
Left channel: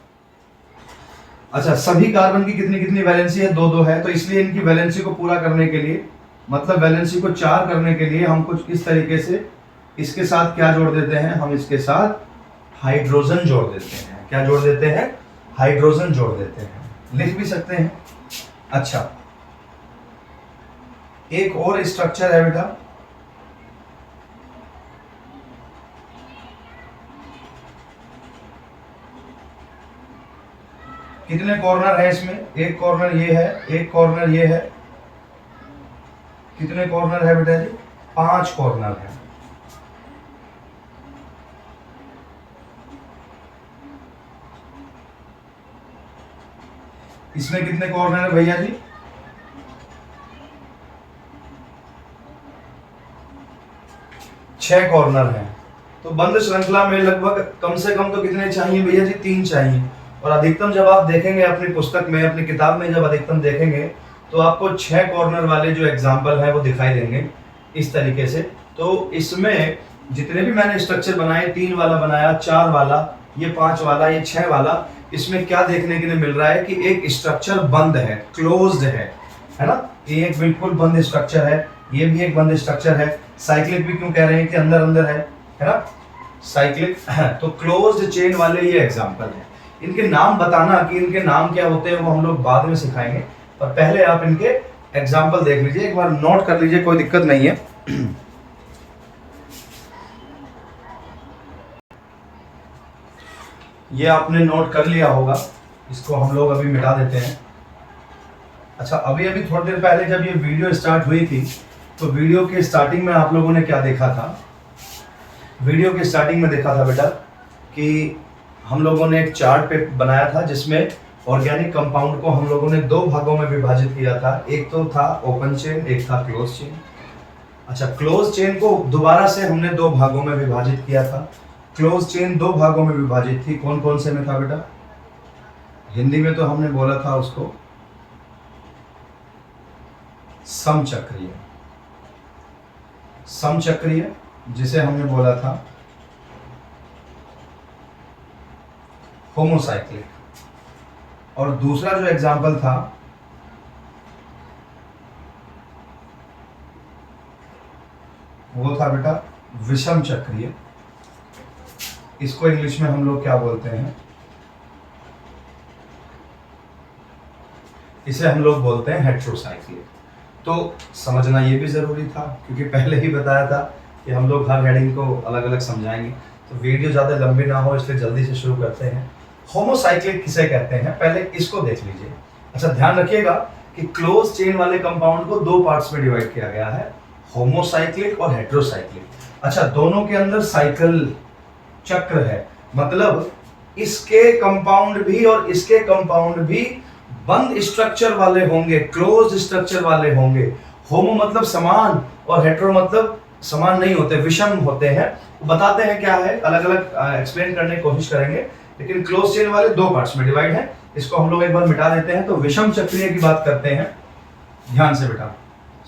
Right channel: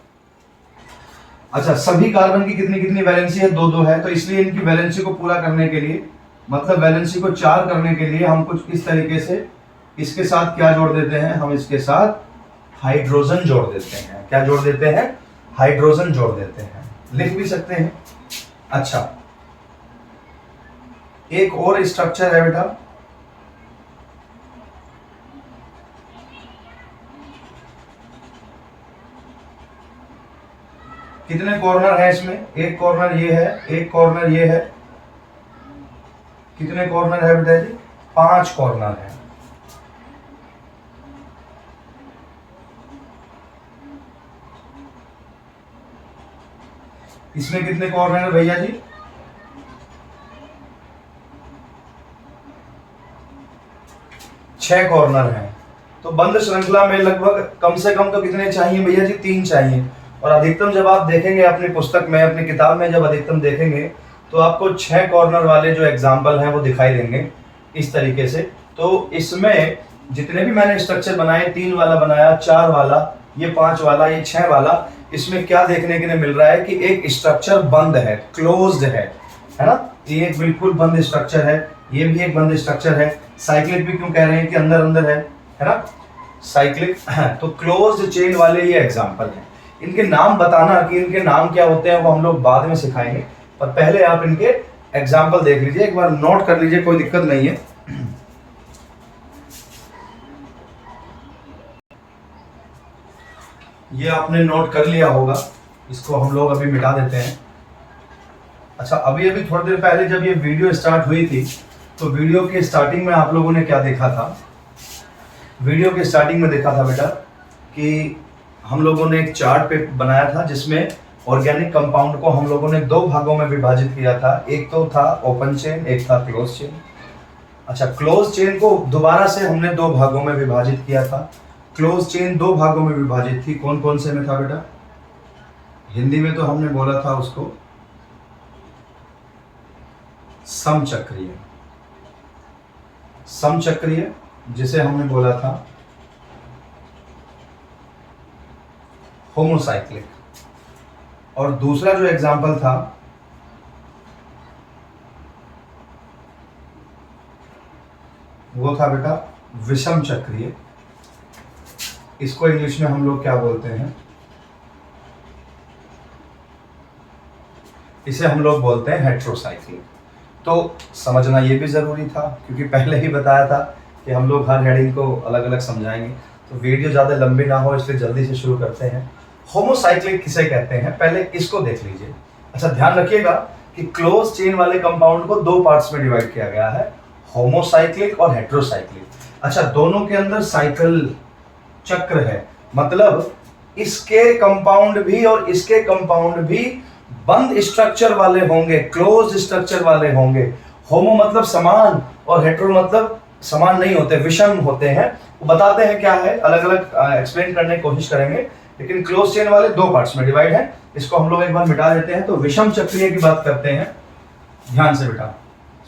अच्छा, सभी कार्बन की कितनी कितनी वैलेंसी है, 2 2 है। तो इसलिए इनकी वैलेंसी को पूरा करने के लिए, मतलब वैलेंसी को 4 करने के लिए हम कुछ इस तरीके से इसके साथ क्या जोड़ देते हैं, हम इसके साथ हाइड्रोजन जोड़ देते हैं। क्या जोड़ देते हैं, हाइड्रोजन जोड़ देते हैं, लिख भी सकते हैं। अच्छा, एक और स्ट्रक्चर है बेटा, कितने कॉर्नर है इसमें, एक कॉर्नर ये है, एक कॉर्नर ये है। कितने कॉर्नर है बेटा जी, 5 कॉर्नर है। इसमें कितने कॉर्नर है भैया जी, 6 कॉर्नर हैं। तो बंद श्रृंखला में लगभग कम से कम तो कितने चाहिए भैया जी, 3 चाहिए। और अधिकतम जब आप देखेंगे अपनी पुस्तक में, अपनी किताब में जब अधिकतम देखेंगे तो आपको 6 कॉर्नर वाले जो एग्जाम्पल हैं वो दिखाई देंगे इस तरीके से। तो इसमें जितने भी मैंने स्ट्रक्चर बनाए, 3 वाला बनाया, 4 वाला, ये 5 वाला, ये 6 वाला, इसमें क्या देखने के लिए मिल रहा है कि एक स्ट्रक्चर बंद है, क्लोज्ड है ना। ये एक बिल्कुल बंद स्ट्रक्चर है, ये भी एक बंद स्ट्रक्चर है। साइक्लिक भी क्यों कह रहे हैं कि अंदर अंदर है ना, साइक्लिक। तो क्लोज्ड चेन वाले ये एग्जांपल हैं। इनके नाम बताना कि इनके नाम क्या होते हैं वो हम लोग बाद में सिखाएंगे, पर पहले आप इनके एग्जांपल देख लीजिए, एक बार नोट कर लीजिए, कोई दिक्कत नहीं है। ये आपने नोट कर लिया होगा, इसको हम लोग अभी मिटा देते हैं। अच्छा, अभी थोड़ी देर पहले जब ये वीडियो स्टार्ट हुई थी तो वीडियो के स्टार्टिंग में आप लोगों ने क्या देखा था, वीडियो के स्टार्टिंग में देखा था बेटा कि हम लोगों ने एक चार्ट पे बनाया था जिसमें ऑर्गेनिक कंपाउंड को हम लोगों ने 2 भागों में विभाजित किया था। एक तो था ओपन चेन, एक था क्लोज चेन। अच्छा, क्लोज चेन को दोबारा से हमने 2 भागों में विभाजित किया था। क्लोज चेन 2 भागों में विभाजित थी, कौन कौन से में था बेटा, हिंदी में तो हमने बोला था उसको समचक्रीय, समचक्रीय जिसे हमने बोला था होमोसाइक्लिक, और दूसरा जो एग्जाम्पल था वो था बेटा विषम चक्रीय। इसको इंग्लिश में हम लोग क्या बोलते हैं, इसे हम लोग बोलते हैं हेट्रोसाइक्लिक। तो समझना ये भी जरूरी था क्योंकि पहले ही बताया था कि हम लोग हर हेडिंग को अलग अलग समझाएंगे, तो वीडियो ज़्यादा लंबी ना हो इसलिए जल्दी से शुरू करते हैं। होमोसाइक्लिक किसे कहते हैं, पहले इसको देख लीजिए। अच्छा, ध्यान रखिएगा कि क्लोज चेन वाले कंपाउंड को 2 पार्ट्स में डिवाइड किया गया है, होमोसाइक्लिक और हेट्रोसाइक्लिक। अच्छा, दोनों के अंदर साइकिल चक्र है, मतलब इसके कंपाउंड भी और इसके कंपाउंड भी बंद स्ट्रक्चर वाले होंगे, क्लोज स्ट्रक्चर वाले होंगे। होमो मतलब समान और हेटेरो मतलब समान नहीं होते, विषम होते हैं। वो बताते हैं क्या है, अलग अलग एक्सप्लेन करने की कोशिश करेंगे, लेकिन क्लोज चेन वाले दो पार्ट्स में डिवाइड है। इसको हम लोग एक बार मिटा देते हैं। तो विषम चक्रीय की बात करते हैं, ध्यान से बेटा,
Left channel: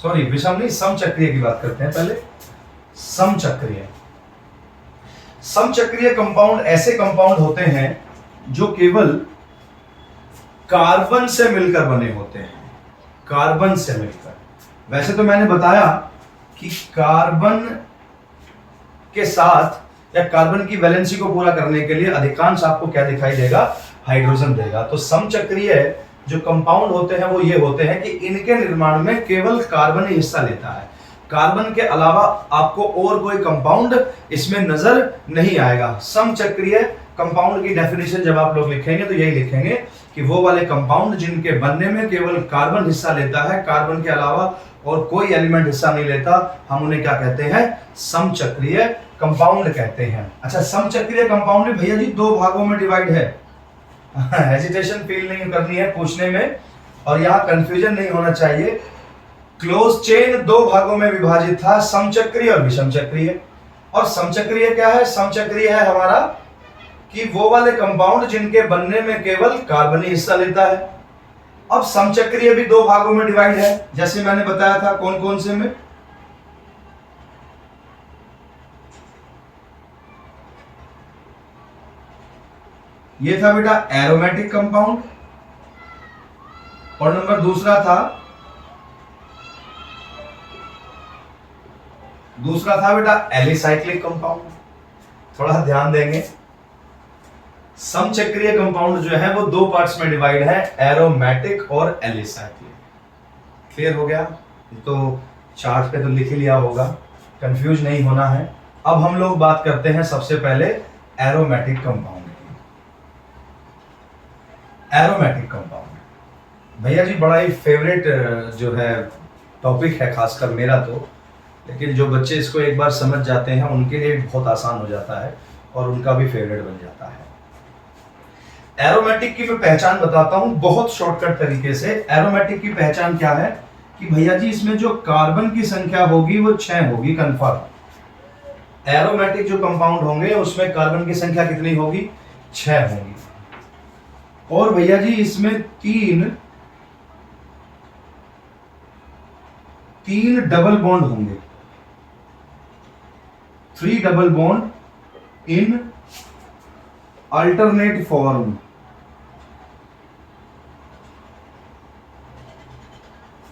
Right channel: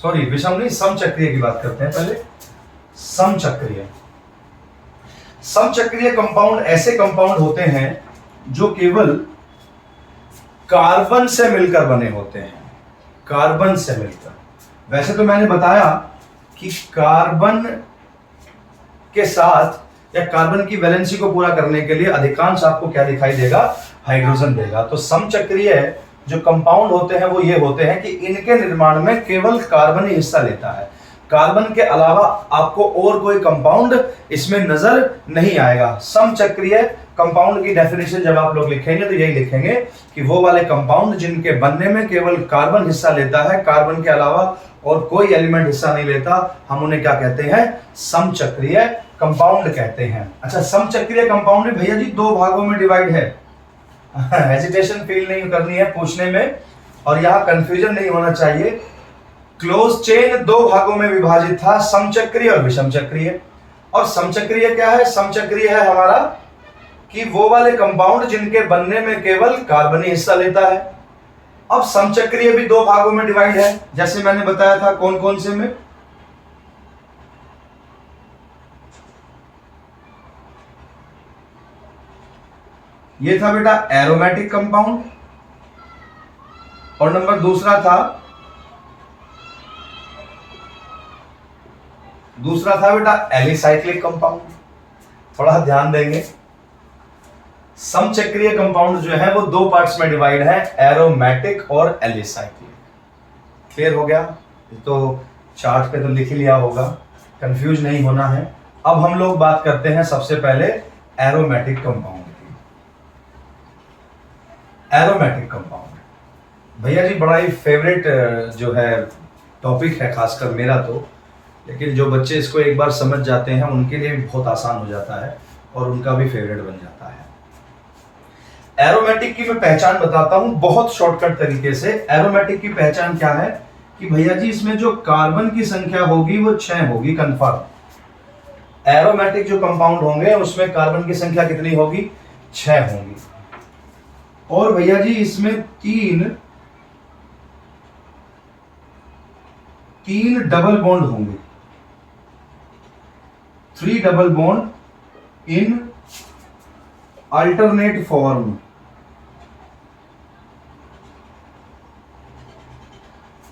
सॉरी विषम नहीं, समचक्रीय की बात करते हैं पहले। समचक्रीय, समचक्रीय कंपाउंड ऐसे कंपाउंड होते हैं जो केवल कार्बन से मिलकर बने होते हैं, कार्बन से मिलकर। वैसे तो मैंने बताया कि कार्बन के साथ या कार्बन की वैलेंसी को पूरा करने के लिए अधिकांश आपको क्या दिखाई देगा, हाइड्रोजन देगा। तो समचक्रीय जो कंपाउंड होते हैं वो ये होते हैं कि इनके निर्माण में केवल कार्बन ही हिस्सा लेता है, कार्बन के अलावा आपको और कोई कंपाउंड इसमें नजर नहीं आएगा। समचक्रीय कंपाउंड की डेफिनेशन जब आप लोग लिखेंगे तो यही लिखेंगे कि वो वाले कंपाउंड जिनके बनने में केवल कार्बन हिस्सा लेता है, कार्बन के अलावा और कोई एलिमेंट हिस्सा नहीं लेता, हम उन्हें क्या कहते हैं, समचक्रीय कंपाउंड कहते हैं। अच्छा, समचक्रीय कंपाउंड भैया जी दो भागों में डिवाइड है। हेजिटेशन फील नहीं करनी है पूछने में, और यहाँ कंफ्यूजन नहीं होना चाहिए। क्लोज चेन दो भागों में विभाजित था, समचक्रीय और विषम चक्रीय। और समचक्रीय क्या है, समचक्रीय है हमारा कि वो वाले कंपाउंड जिनके बनने में केवल कार्बन ही हिस्सा लेता है। अब समचक्रीय भी दो भागों में डिवाइड है, जैसे मैंने बताया था, कौन कौन से में, ये था बेटा एरोमेटिक कंपाउंड, और नंबर दूसरा था बेटा एलिसाइक्लिक कंपाउंड। थोड़ा ध्यान देंगे, समचक्रीय कंपाउंड जो है वो दो पार्ट्स में डिवाइड है, एरोमेटिक और एलिसाइक्लिक। क्लियर हो गया? तो चार्ट पे तो लिख ही लिया होगा, कंफ्यूज नहीं होना है। अब हम लोग बात करते हैं सबसे पहले एरोमेटिक कंपाउंड की। एरोमेटिक कंपाउंड भैया जी बड़ा ही फेवरेट जो है टॉपिक है, खासकर मेरा तो, लेकिन जो बच्चे इसको एक बार समझ जाते हैं उनके लिए भी बहुत आसान हो जाता है और उनका भी फेवरेट बन जाता है। एरोमेटिक की मैं पहचान बताता हूं बहुत शॉर्टकट तरीके से। एरोमेटिक की पहचान क्या है कि भैया जी इसमें जो कार्बन की संख्या होगी वो 6 होगी, कंफर्म। एरोमेटिक जो कंपाउंड होंगे उसमें कार्बन की संख्या कितनी होगी, 6 होगी। और भैया जी इसमें तीन डबल बॉन्ड होंगे, 3 double bond in alternate form.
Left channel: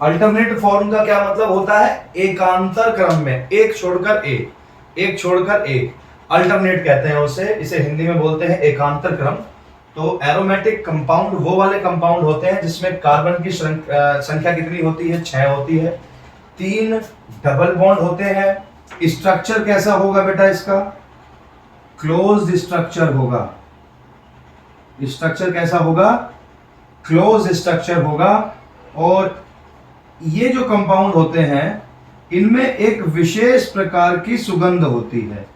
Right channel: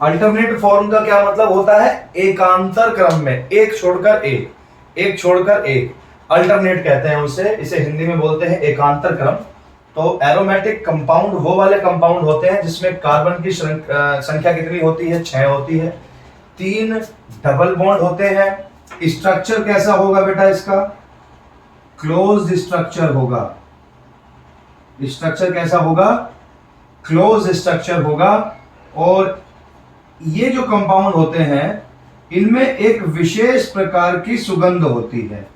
Alternate form का क्या मतलब होता है, एकांतर क्रम में, एक छोड़कर एक, अल्टरनेट कहते हैं उसे, इसे हिंदी में बोलते हैं एकांतर क्रम। तो एरोमेटिक कंपाउंड वो वाले कंपाउंड होते हैं जिसमें कार्बन की संख्या कितनी होती है, 6 होती है, 3 डबल बॉन्ड होते हैं। स्ट्रक्चर कैसा होगा बेटा इसका, क्लोज्ड स्ट्रक्चर होगा। स्ट्रक्चर कैसा होगा, क्लोज स्ट्रक्चर होगा। और ये जो कंपाउंड होते हैं इनमें एक विशेष प्रकार की सुगंध होती है,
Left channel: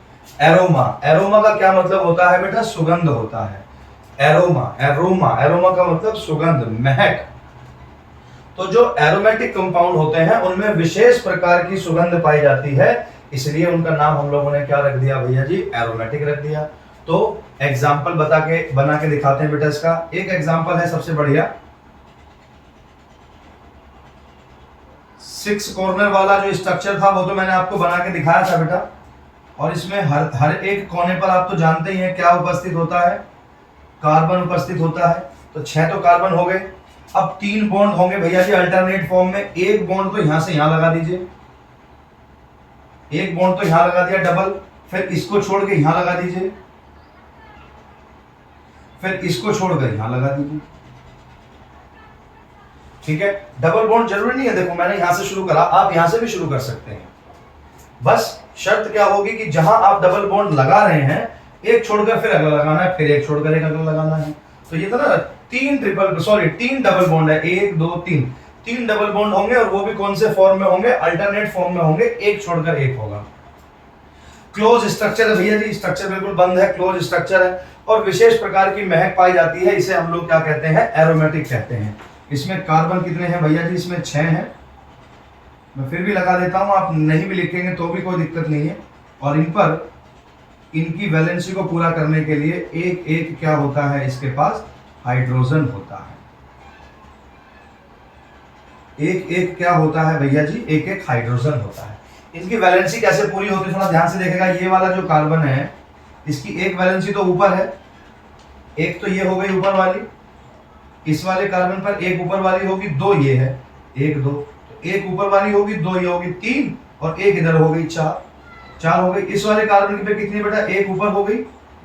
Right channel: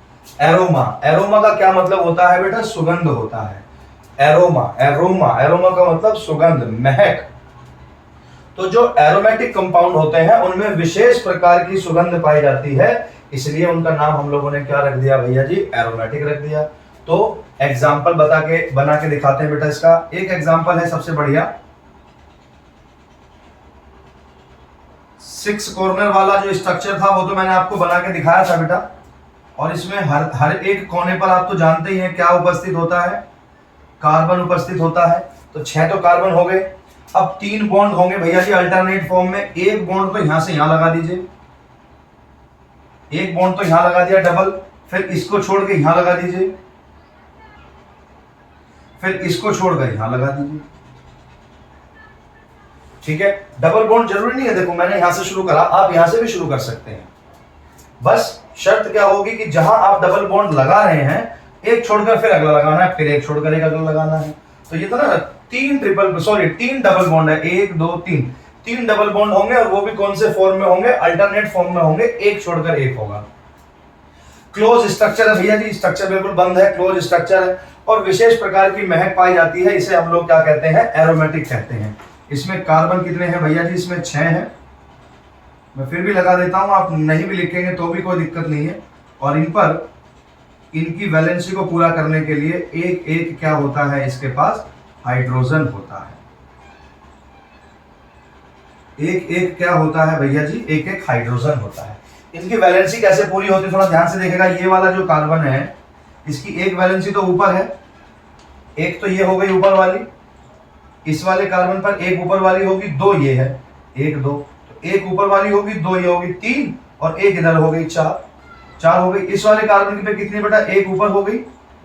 एरोमा। एरोमा का क्या मतलब होता है बेटा, सुगंध होता है। एरोमा का मतलब सुगंध, महक। तो जो एरोमेटिक कंपाउंड होते हैं उनमें विशेष प्रकार की सुगंध पाई जाती है, इसलिए उनका नाम हम लोगों ने क्या रख दिया भैया जी, एरोमेटिक रख दिया। तो एग्जाम्पल बना के दिखाते हैं बेटा इसका। एक एग्जाम्पल है सबसे बढ़िया, 6 कॉर्नर वाला जो स्ट्रक्चर था वो तो मैंने आपको बना के दिखाया था बेटा। और इसमें हर एक कोने पर आप तो जानते ही हैं क्या उपस्थित होता है, कार्बन उपस्थित होता है। तो 6 तो कार्बन हो गए। अब 3 बॉन्ड होंगे भैया जी अल्टरनेट फॉर्म में। एक बॉन्ड तो यहां से यहां लगा दीजिए, एक बॉन्ड तो यहां लगा दिया डबल, फिर इसको छोड़ के यहां लगा दीजिए, फिर इसको छोड़कर यहां लगा दीजिए। ठीक है, डबल बॉन्ड जरूरी नहीं है, देखो मैंने यहां से शुरू करा, आप यहां से भी शुरू कर सकते हैं। बस शर्त क्या होगी कि जहां आप डबल बॉन्ड लगा रहे हैं एक छोड़कर फिर अगला लगाना है, फिर एक छोड़कर एक अगला लगाना है। तो ये तो ना 3 डबल बॉन्ड है, 1 2 3 डबल बॉन्ड होंगे, और वो भी कौन से फॉर्म में होंगे, अल्टरनेट फॉर्म में होंगे, एक छोड़कर एक होगा। क्लोज स्ट्रक्चर है भैया जी, स्ट्रक्चर बिल्कुल बंद है, क्लोज स्ट्रक्चर है। और विशेष प्रकार की महक पाई जाती है, इसे हम लोग क्या कहते हैं, एरोमेटिक कहते हैं। इसमें कार्बन कितने हैं भैया जी, इसमें 6 हैं। मैं फिर भी लगा देता हूं, आप नहीं भी लिखेंगे तो भी कोई दिक्कत नहीं है। और इन पर इनकी वैलेंसी को पूरा करने के लिए एक एक क्या होता है, इसके पास हाइड्रोजन होता है। एक एक क्या होता है भैया जी, एक एक हाइड्रोजन होता है। इनकी वैलेंसी कैसे पूरी होती है, थोड़ा ध्यान से देखेगा। ये वाला जो कार्बन है, इसकी एक वैलेंसी तो ऊपर है, एक तो ये हो गई ऊपर वाली, इस वाले कार्बन पर एक ऊपर वाली होगी, दो ये है, एक दो, तो एक ऊपर वाली होगी, दो ये होगी, तीन, और एक इधर हो गई, चार, चार हो गई। इस वाले कार्बन पे कितनी बेटा, एक ऊपर हो गई,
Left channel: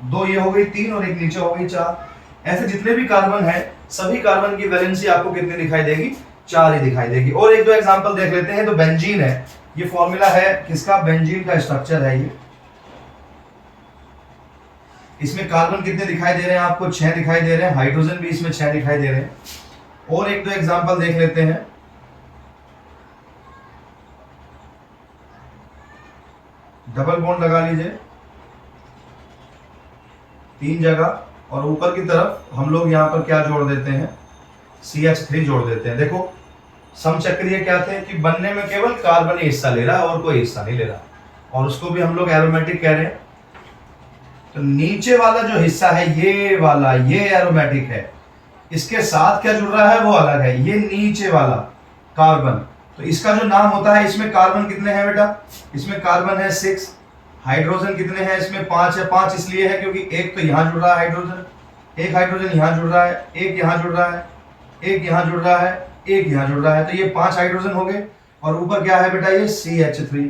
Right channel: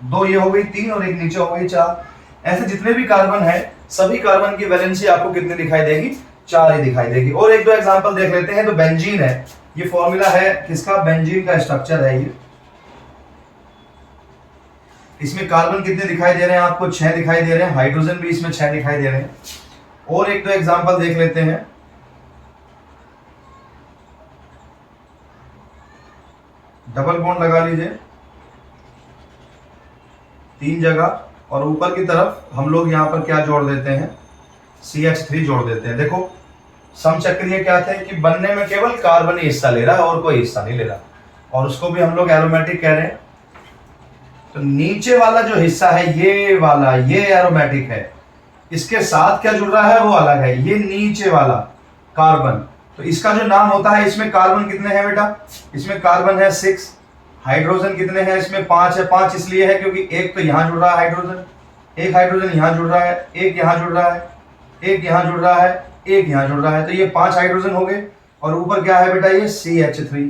दो ये हो गई, तीन, और एक नीचे हो गई, चार। ऐसे जितने भी कार्बन है, सभी कार्बन की वैलेंसी आपको कितनी दिखाई देगी, चार ही दिखाई देगी। और एक दो एग्जांपल देख लेते हैं। तो बेंजीन है, ये फॉर्मूला है किसका, बेंजीन का स्ट्रक्चर है ये। इसमें कार्बन कितने दिखाई दे रहे हैं आपको, 6 दिखाई दे रहे हैं, हाइड्रोजन भी इसमें 6 दिखाई दे रहे हैं। और एक दो एग्जांपल देख लेते हैं। डबल बॉन्ड लगा लीजिए 3 जगह, और ऊपर की तरफ हम लोग यहां पर क्या जोड़ देते हैं, CH3 जोड़ देते हैं। देखो समचक्रीय क्या थे कि बनने में केवल कार्बन ही हिस्सा ले रहा है और कोई हिस्सा नहीं ले रहा, और उसको भी हम लोग एरोमेटिक कह रहे हैं। तो नीचे वाला जो हिस्सा है, ये वाला, ये एरोमेटिक है। इसके साथ क्या जुड़ रहा है वो अलग है, ये नीचे वाला कार्बन। तो इसका जो नाम होता है, इसमें कार्बन कितने हैं बेटा, इसमें कार्बन है 6, हाइड्रोजन कितने हैं, इसमें 5 है। 5 इसलिए है क्योंकि एक तो यहां जुड़ रहा है हाइड्रोजन, एक हाइड्रोजन यहां जुड़ रहा है, एक यहां जुड़ रहा है, एक यहां जुड़ रहा है, एक यहां जुड़ रहा है, तो ये 5 हाइड्रोजन हो गए। और ऊपर क्या है बेटा, ये CH3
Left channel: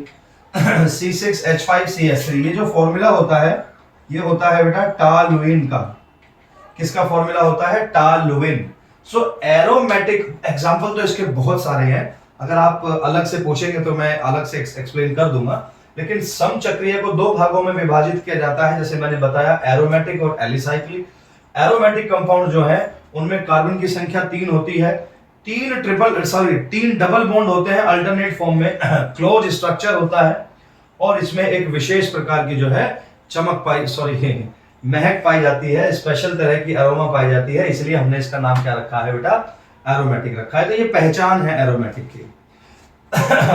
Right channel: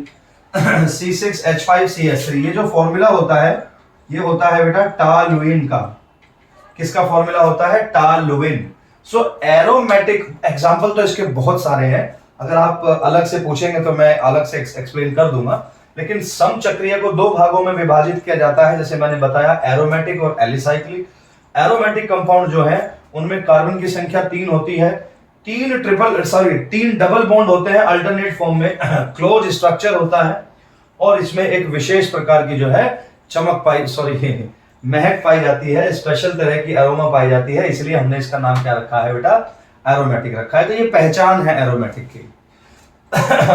C6H5CH3। ये जो फॉर्मूला होता है, ये होता है बेटा टॉलुइन का। किसका फॉर्मूला होता है, टॉलुइन। सो एरोमेटिक एग्जांपल तो इसके बहुत सारे हैं, अगर आप अलग से पूछेंगे तो मैं अलग से एक्सप्लेन कर दूंगा। लेकिन समचक्रीय को दो भागों में विभाजित किया जाता है, जैसे मैंने बताया, एरोमेटिक और एलिसाइक्लिक। एरोमेटिक कंपाउंड जो है उनमें कार्बन की संख्या 3 होती है, 3 डबल बॉन्ड होते हैं अल्टरनेट फॉर्म में, क्लोज स्ट्रक्चर होता है, और इसमें एक विशेष प्रकार की जो है महक पाई जाती है, स्पेशल तरह की अरोमा पाई जाती है, इसलिए हमने इसका नाम क्या रखा है बेटा, एरोमेटिक रखा है। तो ये पहचान है एरोमेटिक की।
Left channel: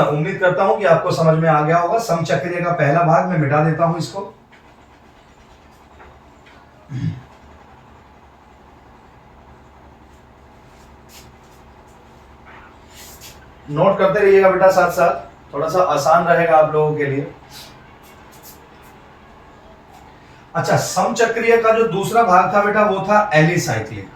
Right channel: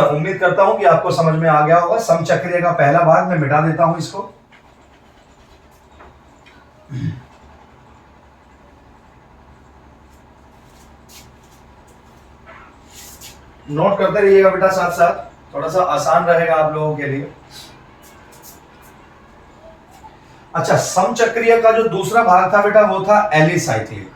उम्मीद करता हूं कि आपको समझ में आ गया होगा। समचक्रीय का पहला भाग मैं मिटा देता हूं इसको। नोट करते रहिएगा बेटा साथ साथ, थोड़ा सा आसान रहेगा आप लोगों के लिए। अच्छा, समचक्रीय का जो दूसरा भाग था बेटा वो था एलिसाइक्लिक।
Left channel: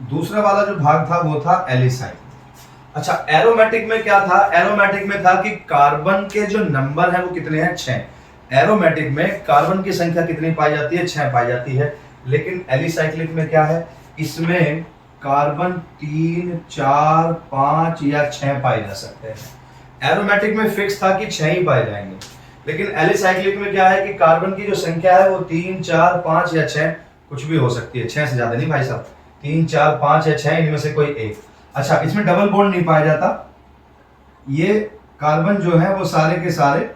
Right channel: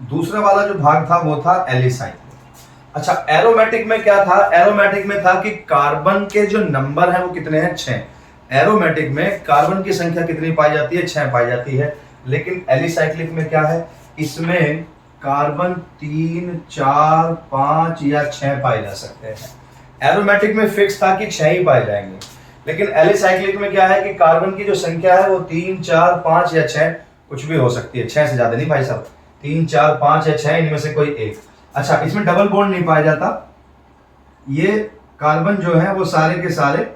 दूसरा वाला जो भाग था वो था एलिसाइक्लिक। अच्छा, एरोमेटिक में क्या था, एरोमेटिक में था कि कार्बन के जो नंबर है वो कितने हैं, 6। एरोमेटिक में कार्बन की संख्या कितनी पाई जाती है, 6 पाई जाती है। लेकिन एलिसाइक्लिक में क्या है, इसमें कार्बन 3, 4, 5 या 6 पाए जा सकते हैं। एरोमेटिक में फिक्स था कि 6 ही पाए जाएंगे, लेकिन एलिसाइक्लिक में क्या है कि कार्बन की जो संख्या है वो 3, 4, 5 या 6 कुछ भी हो सकती है, 6 से ज्यादा नहीं भाई साहब, 3, 4, 5 या 6 इनमें से कोई एक। अच्छा, इसमें डबल बॉन्ड नहीं पाया जाता, ये कार्बन जो है वो सारे के सारे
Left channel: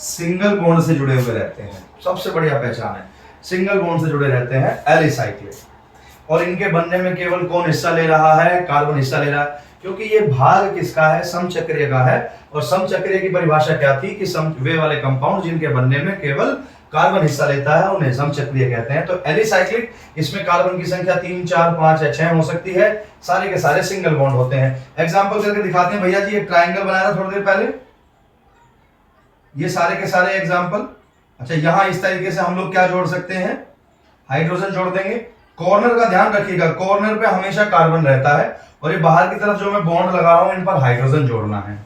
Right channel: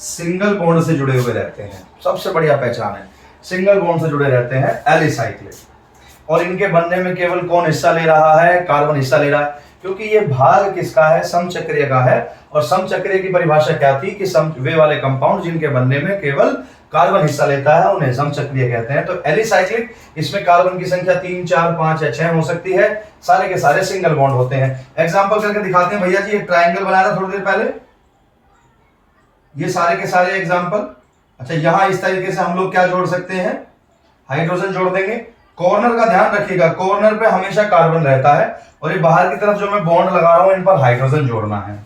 सिंगल बॉन्ड से जुड़े हुए रहते हैं। सबसे बढ़िया पहचान है, सिंगल बॉन्ड से जुड़े रहते हैं एलिसाइक्लिक। और इनके बनने में केवल कौन हिस्सा ले रहा है, कार्बन हिस्सा ले रहा है, क्योंकि ये भाग किसका है, समचक्रीय का है। और समचक्रीय की परिभाषा क्या थी कि वे वाले कंपाउंड जिनके बनने में केवल कार्बन हिस्सा लेता है उन्हें समचक्रीय कहते हैं। तो एलिसाइक्लिक, इसमें कार्बन की संख्या 3, 4, 5 या 6 हो सकती है, सारे के सारे सिंगल बॉन्ड होते हैं। एग्जांपल करके दिखाते हैं भैया जी। एक ट्राइंगल बनाया था थोड़ी देर पहले, ये सारे के सारे एग्जांपल। अच्छा, यहां इस तरीके से हम लोग क्या जोड़ सकते हैं, हाइड्रोजन जोड़ देंगे। कॉर्नर का ध्यान रखिएगा, कॉर्नर पे हमेशा कार्बन रहता है, और ये बाहर की तरफ जो मैं बॉन्ड लगा रहा हूं इन पर हाइड्रोजन जोड़ना है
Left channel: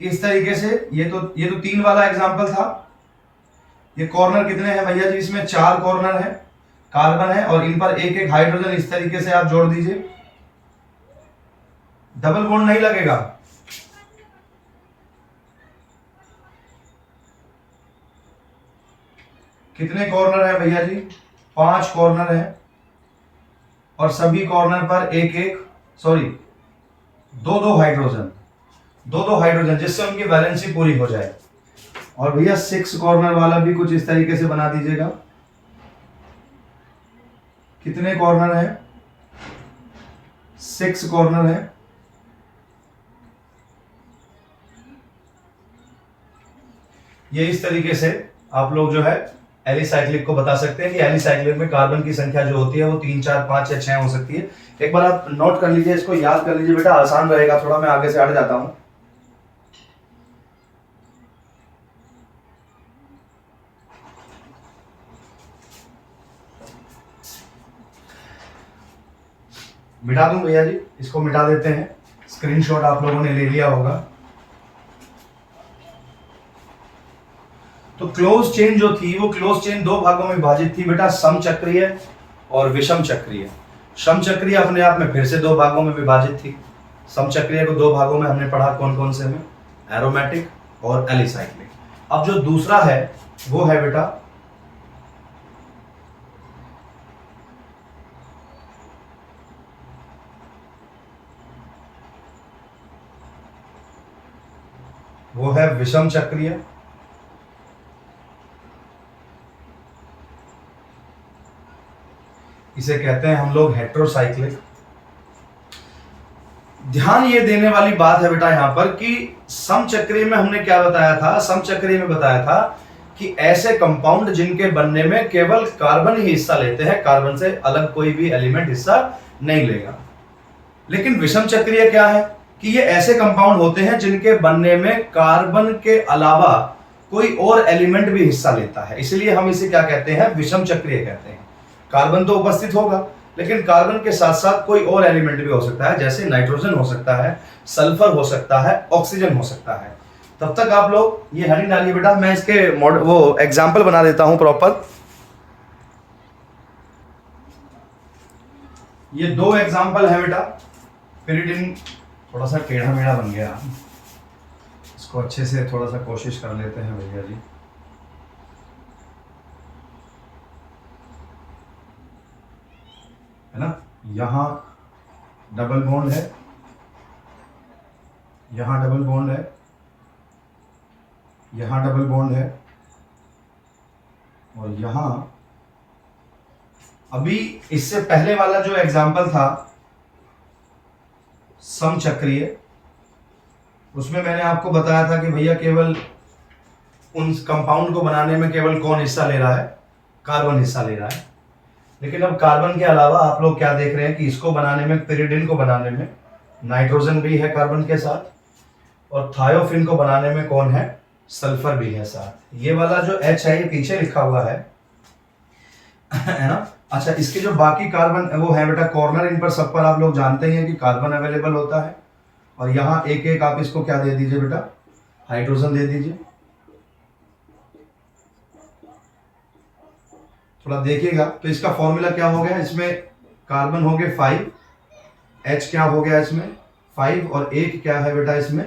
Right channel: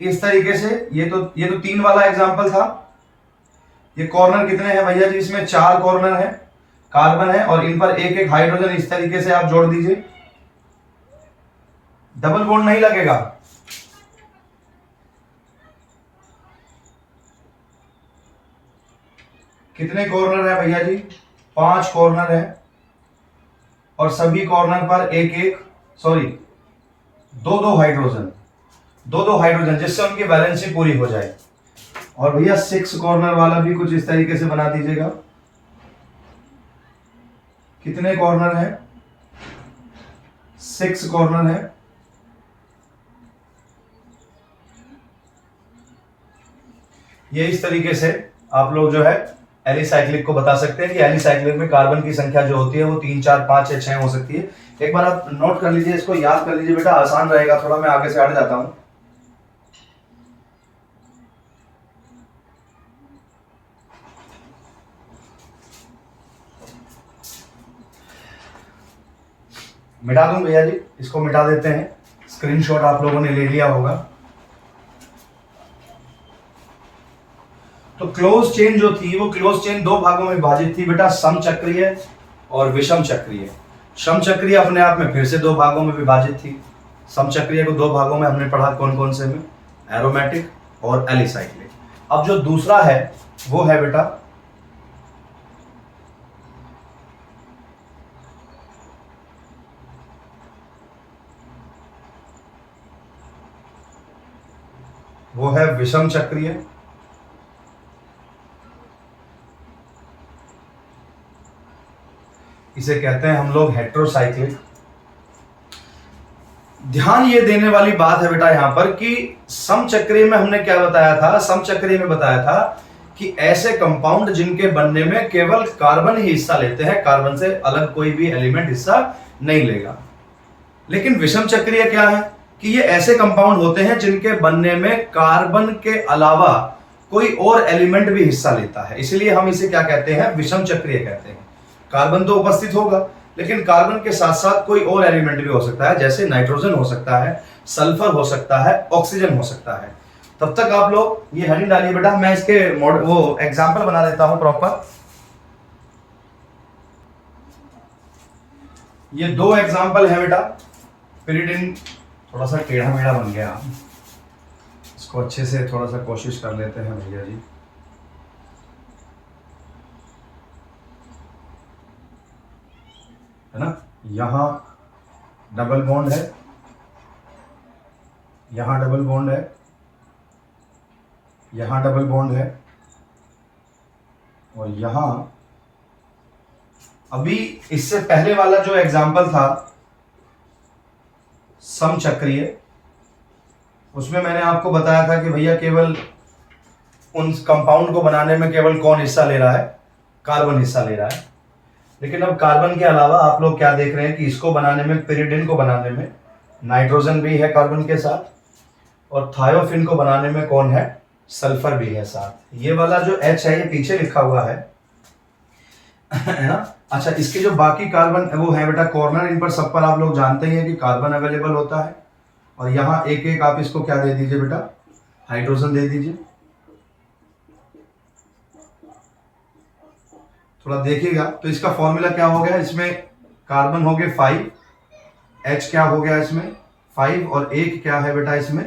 इस तरीके से। ये तो 3 वाला एग्जांपल था। ये कॉर्नर कितने हैं भैया जी, इसमें 4 कॉर्नर है, कार्बन है, और इन पर एक एक हाइड्रोजन इस तरीके से आप जोड़ दीजिए, डबल बॉन्ड नहीं लगेगा। कितने कॉर्नर है भैया जी, 5 कॉर्नर है, और सभी कॉर्नर पर 2 हाइड्रोजन। दो दो हाइड्रोजन, जिससे उनकी वैलेंसी पूरी हो जाए। और भैया 6 कॉर्नर वाला भी कुछ इस तरीके से बना दीजिएगा। कितने कॉर्नर है? 6 कॉर्नर है। ये इस तरीके से आप लोग जो है एलिसाइक्लिक को बता सकते हैं कि एलिसाइक्लिक में कार्बन की संख्या जो होती है वो 3, 4, 5 या 6 हो सकती है। एक बार आप नोट कर लीजिए, इसको याद कर लीजिए बेटा, आसान रहेगा। थोड़ा मैं आगे से हट जाता हूं। मिटा दूं भैया जी, इसको मिटा देते हैं। स्क्रीनशॉट आप लोगों ने ले लिया होगा। तो क्लोज चेन जो थी वो क्लोज चेन दो भागों में विभाजित थी बेटा, समचक्रीय और विषम चक्रीय। समचक्रीय अपने आप में फिर से दो भागों में विभाजित थी। समचक्रीय को दो भागों में हमने पढ़ा, कौन कौन से में? एरोमेटिक और एलिसाइक्लिक। अब जो दूसरा है वो है बेटा वो है विषम चक्रीय। इसे कहते हैं हम लोग हेट्रोसाइक्लिक। ध्यान ये देने वाली बात है बेटा यहां पर कि समचक्रीय में हमने क्या बताया था? समचक्रीय में बताया था कि ऐसे कंपाउंड जिनके बनने में केवल कार्बन ही हिस्सा लेते हैं, कार्बन से अलग कोई भी एलिमेंट हिस्सा नहीं लेगा। लेकिन विषम चक्रीय क्या है कि ये ऐसे कंपाउंड होते हैं जिनके बनने में कार्बन के अलावा कोई और एलिमेंट भी हिस्सा लेता है, इसलिए हम इसे क्या कहते हैं? विषम चक्रीय कहते हैं। कार्बन तो उपस्थित होगा, लेकिन कार्बन के साथ साथ कोई और एलिमेंट भी हो सकता है, जैसे नाइट्रोजन हो सकता है, सल्फर हो सकता है, ऑक्सीजन हो सकता है। तब तक आप लोग ये हेडिंग डालिए बेटा, मैं इसके वो एग्जाम्पल बना देता हूं प्रॉपर। ये दो एग्जाम्पल है बेटा। पिरिडिन थोड़ा सा टेढ़ा मेढ़ा बन गया, इसको अच्छे से थोड़ा सा कोशिश कर लेते हैं भैया जी। है ना, यहां डबल बॉन्ड है, यहां डबल बॉन्ड है, यहां डबल बॉन्ड है, और यहां अभी इससे पहले वाला जो एग्जाम्पल था समचक्रीय, उसमें मैंने आपको बताया था कि भैया केवल उन कंपाउंड को बनाने में केवल कौन हिस्सा ले रहा है? कार्बन हिस्सा ले रहा है। लेकिन अब कार्बन के अलावा आप लोग क्या देख रहे हैं कि इसको बनाने में, पिरिडिन को बनाने में नाइट्रोजन भी है कार्बन के साथ, और थायोफिन को बनाने में कौन है? सल्फर भी है साथ। ये वाला जो H है ये पीछे लिखा हुआ है ना। अच्छा, इसके जो बाकी कार्बन वो है बेटा कॉर्नर, इन पर सब पर आप लोग जानते हैं कि कार्बन अवेलेबल होता है, और यहां एक एक आप इसको क्या दे दीजिए बेटा? हाइड्रोजन दे दीजिए। थोड़ा देखिएगा तो इसका फॉर्मूला क्या हो गया? इसमें कार्बन हो गए 5, H क्या हो गया इसमें? 5, और एक क्या है बेटा इसमें?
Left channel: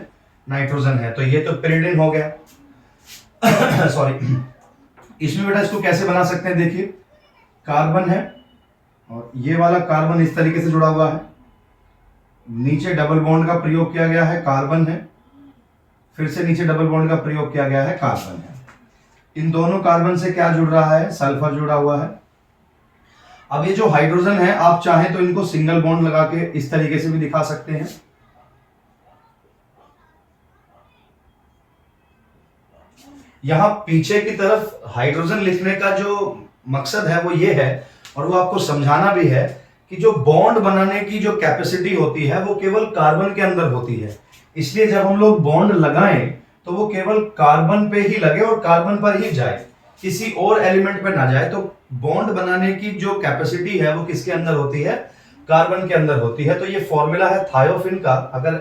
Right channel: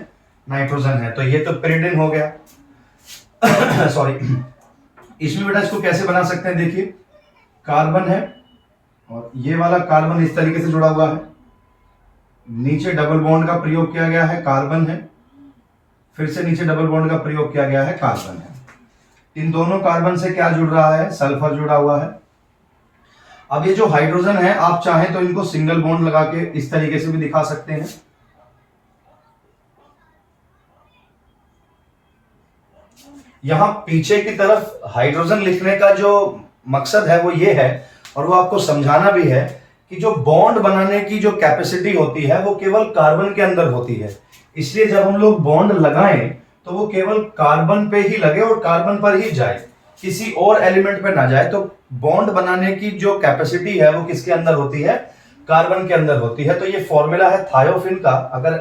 नाइट्रोजन है। तो ये तो पिरिडिन हो गया सॉरी। इसमें बेटा इसको कैसे बना सकते हैं? देखिए, कार्बन है और ये वाला कार्बन इस तरीके से जुड़ा हुआ है, नीचे डबल बॉन्ड का प्रयोग किया गया है, कार्बन है, फिर से नीचे डबल बॉन्ड का प्रयोग किया गया है, कार्बन है। इन दोनों कार्बन से क्या जुड़ रहा है? सल्फर जुड़ा हुआ है। अब ये जो हाइड्रोजन है, आप चाहें तो इनको सिंगल बॉन्ड लगा के इस तरीके से भी दिखा सकते हैं। यहां पीछे की तरफ हाइड्रोजन लिखने का जो मकसद है वो ये है, और वो आपको समझाना भी है कि जो बॉन्ड बनाने की जो कैपेसिटी होती है वो केवल कार्बन के अंदर होती है। इसलिए जब हम लोग बॉन्ड लगाएं तो वो केवल कार्बन पे ही लगे और कार्बन पर ही जाए, किसी और एलिमेंट पे ना जाए। तो बॉन्ड बनाने की जो कैपेसिटी है वो किसके अंदर होती है? कार्बन के अंदर होती है। तो ये फॉर्मूला है थायोफिन का। अगर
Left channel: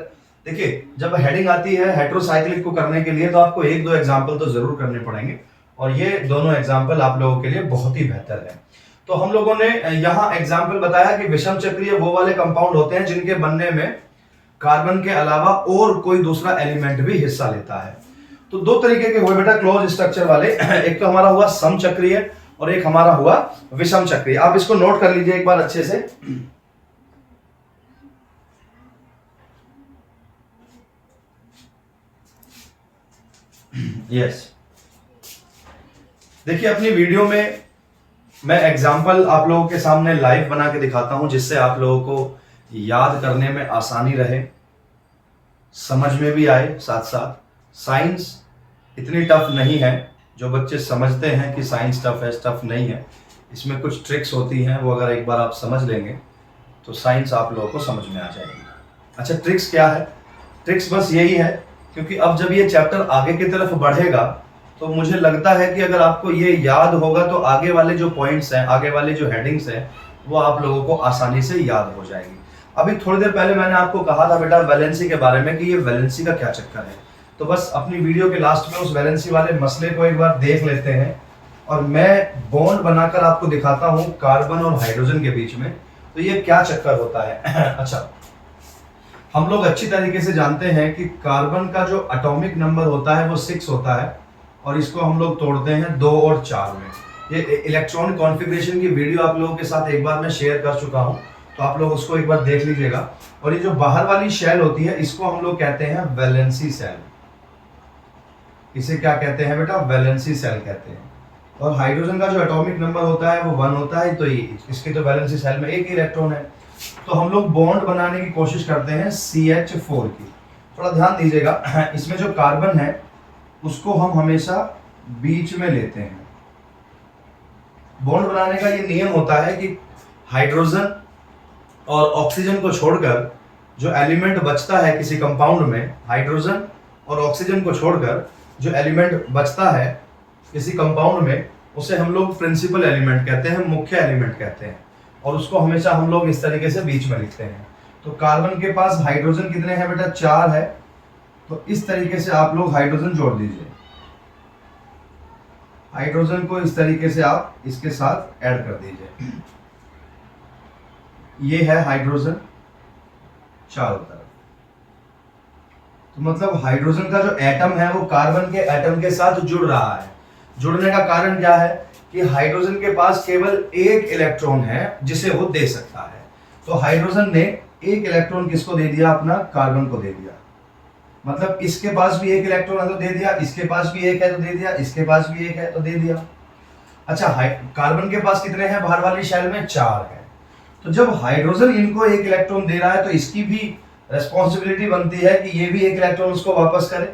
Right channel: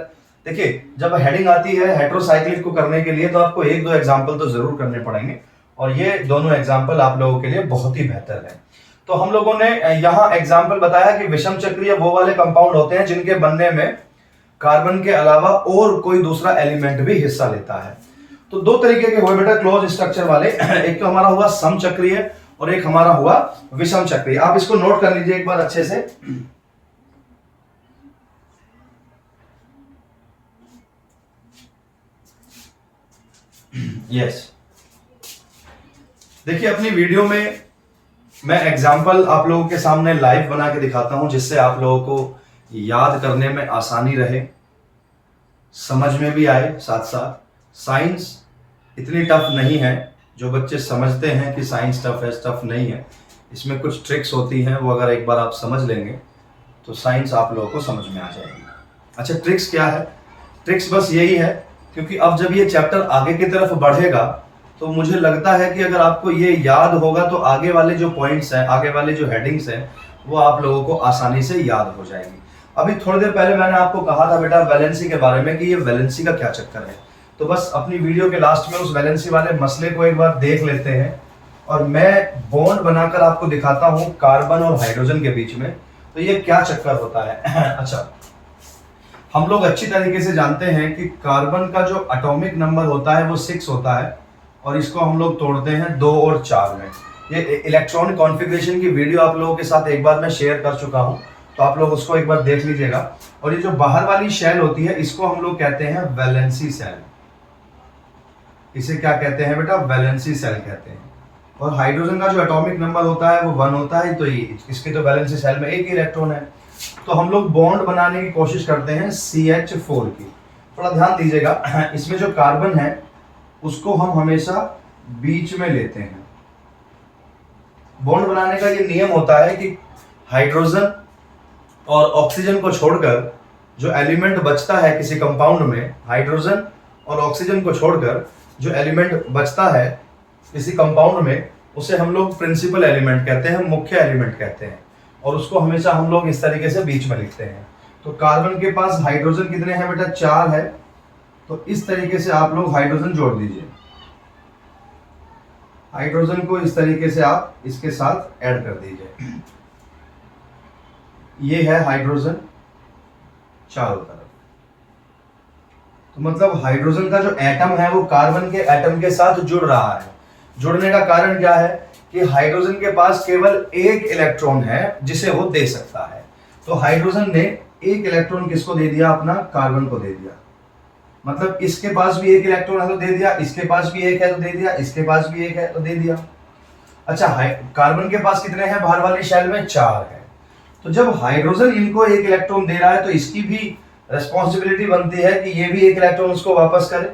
देखिए, जब हेडिंग आती है हेट्रोसाइक्लिक को करने के लिए तो आपको एक दो एग्जाम्पल तो जरूर करने पड़ेंगे, और ये दोनों एग्जाम्पल आप लोगों के लिए बहुत ही बेहतर है। तो हम लोगों ने यहां एग्जाम्पल बताया कि विषम चक्रीय वो वाले कंपाउंड होते हैं जिनके बनने में कार्बन के अलावा और कोई दूसरा एलिमेंट भी हिस्सा लेता है। तो दो तरीके के हुए बेटा क्लोज स्ट्रक्चर वाले, एक तो हमारा हुआ समचक्रीय और एक हमारा हुआ विषम चक्रीय। आप इसको नोट कर लीजिए एक बार अच्छे से। यस, देखिए अपनी वीडियो में मैं एग्जाम्पल आप लोगों के सामने लाइव बना के दिखाता हूं, जिससे आप लोगों को याद करने में आसानी रहे, समझ में भी आए। साथ साथ साइंस इतनी टफ नहीं है। जो बच्चे समझते हैं कि साइंस टफ है, टफ नहीं है। इसमें कुछ ट्रिक्स होती हैं, वो अगर एक बार आप समझ लेंगे तो साइंस आप लोगों को समझ में आ जाएगी। अच्छा, ट्रिक्स क्या है? ट्रिक्स बस यही है, क्योंकि अब जब ये चैप्टर आगे की तरफ बढ़ेगा तो मुझे लगता है कि अगर आपको ये याद होगा तो आगे वाले जो पॉइंट्स हैं, आगे वाले जो हेडिंग्स हैं, वो आप लोगों को आसानी से याद हो जाएगी। अभी थोड़ी देर पहले मैंने आपको कहा था बेटा वैलेंसी के बारे में कि ये वैलेंसी का क्या चक्कर है। तो बस अपनी वीडियो के लास्ट में उस वैलेंसी वाले मसले को एक बार देख लेते हैं, और मैं बॉन्ड बनाकर आपको दिखाता हूं कार्बन और हाइड्रोजन के बीच में, तो ये क्या चक्कर होता है। अच्छा, हम लोग अच्छी तरीके से जानते हैं कि कार्बन का जो एटॉमिक नंबर होता है वो 6 होता है, और इसको हम लोग तोड़ते हैं 2 और 4 में। ये इलेक्ट्रॉन कॉन्फ़िगरेशन की वीडियो आप लोगों के साथ एक बार मैं शेयर कर चुका हूं, तो आप लोग उसको एक बार देख लीजिएगा। और ये जो बाहर वाली शेल होती है, इसको हम लोग कहते हैं वैलेंसी सेल। इसे क्या कहते हैं बेटा? वैलेंसी सेल कहते हैं। और हाइड्रोजन का जो एटॉमिक नंबर होता है वो 1 होता है, तो इसके तो वैलेंसी सेल में 1 इलेक्ट्रॉन है। तो हम लोग बॉन्ड बनाने की कोशिश करते हैं CH4 की। थोड़ा ध्यान दीजिएगा, इसमें जो कार्बन है उसको हम हमेशा बीच में लेते हैं। बॉन्ड बनाने का ये नियम होता है कि हाइड्रोजन और ऑक्सीजन को छोड़कर जो एलिमेंट बचता है किसी कंपाउंड में, हाइड्रोजन और ऑक्सीजन को छोड़कर जो एलिमेंट बचता है किसी कंपाउंड में, उसे हम लोग प्रिंसिपल एलिमेंट कहते हैं, मुख्य एलिमेंट कहते हैं। और उसको हमेशा हम लोग इस तरीके से बीच में लिखते हैं। तो कार्बन के पास हाइड्रोजन कितने हैं बेटा? 4 है। तो इस तरीके से आप लोग हाइड्रोजन जोड़ दीजिए। हाइड्रोजन को इस तरीके से आप इसके साथ ऐड कर दीजिए। ये है हाइड्रोजन चारों तरफ। तो मतलब हाइड्रोजन का जो एटम है वो कार्बन के एटम के साथ जुड़ रहा है। जुड़ने का कारण क्या है कि हाइड्रोजन के पास केवल 1 इलेक्ट्रॉन है जिसे वो दे सकता है। तो हाइड्रोजन ने 1 इलेक्ट्रॉन किसको दे दिया? अपना कार्बन को दे दिया। मतलब इसके पास भी 1 इलेक्ट्रॉन है तो दे दिया, इसके पास भी 1 है तो दे दिया, इसके पास भी 1 है तो दे दिया। अच्छा, कार्बन के पास कितने हैं? बाहर वाली शेल में 4 है। तो जब हाइड्रोजन इनको 1 इलेक्ट्रॉन दे रहा है तो इसकी भी रेस्पॉन्सिबिलिटी बनती है कि ये भी 1 इलेक्ट्रॉन उसको वापस करे,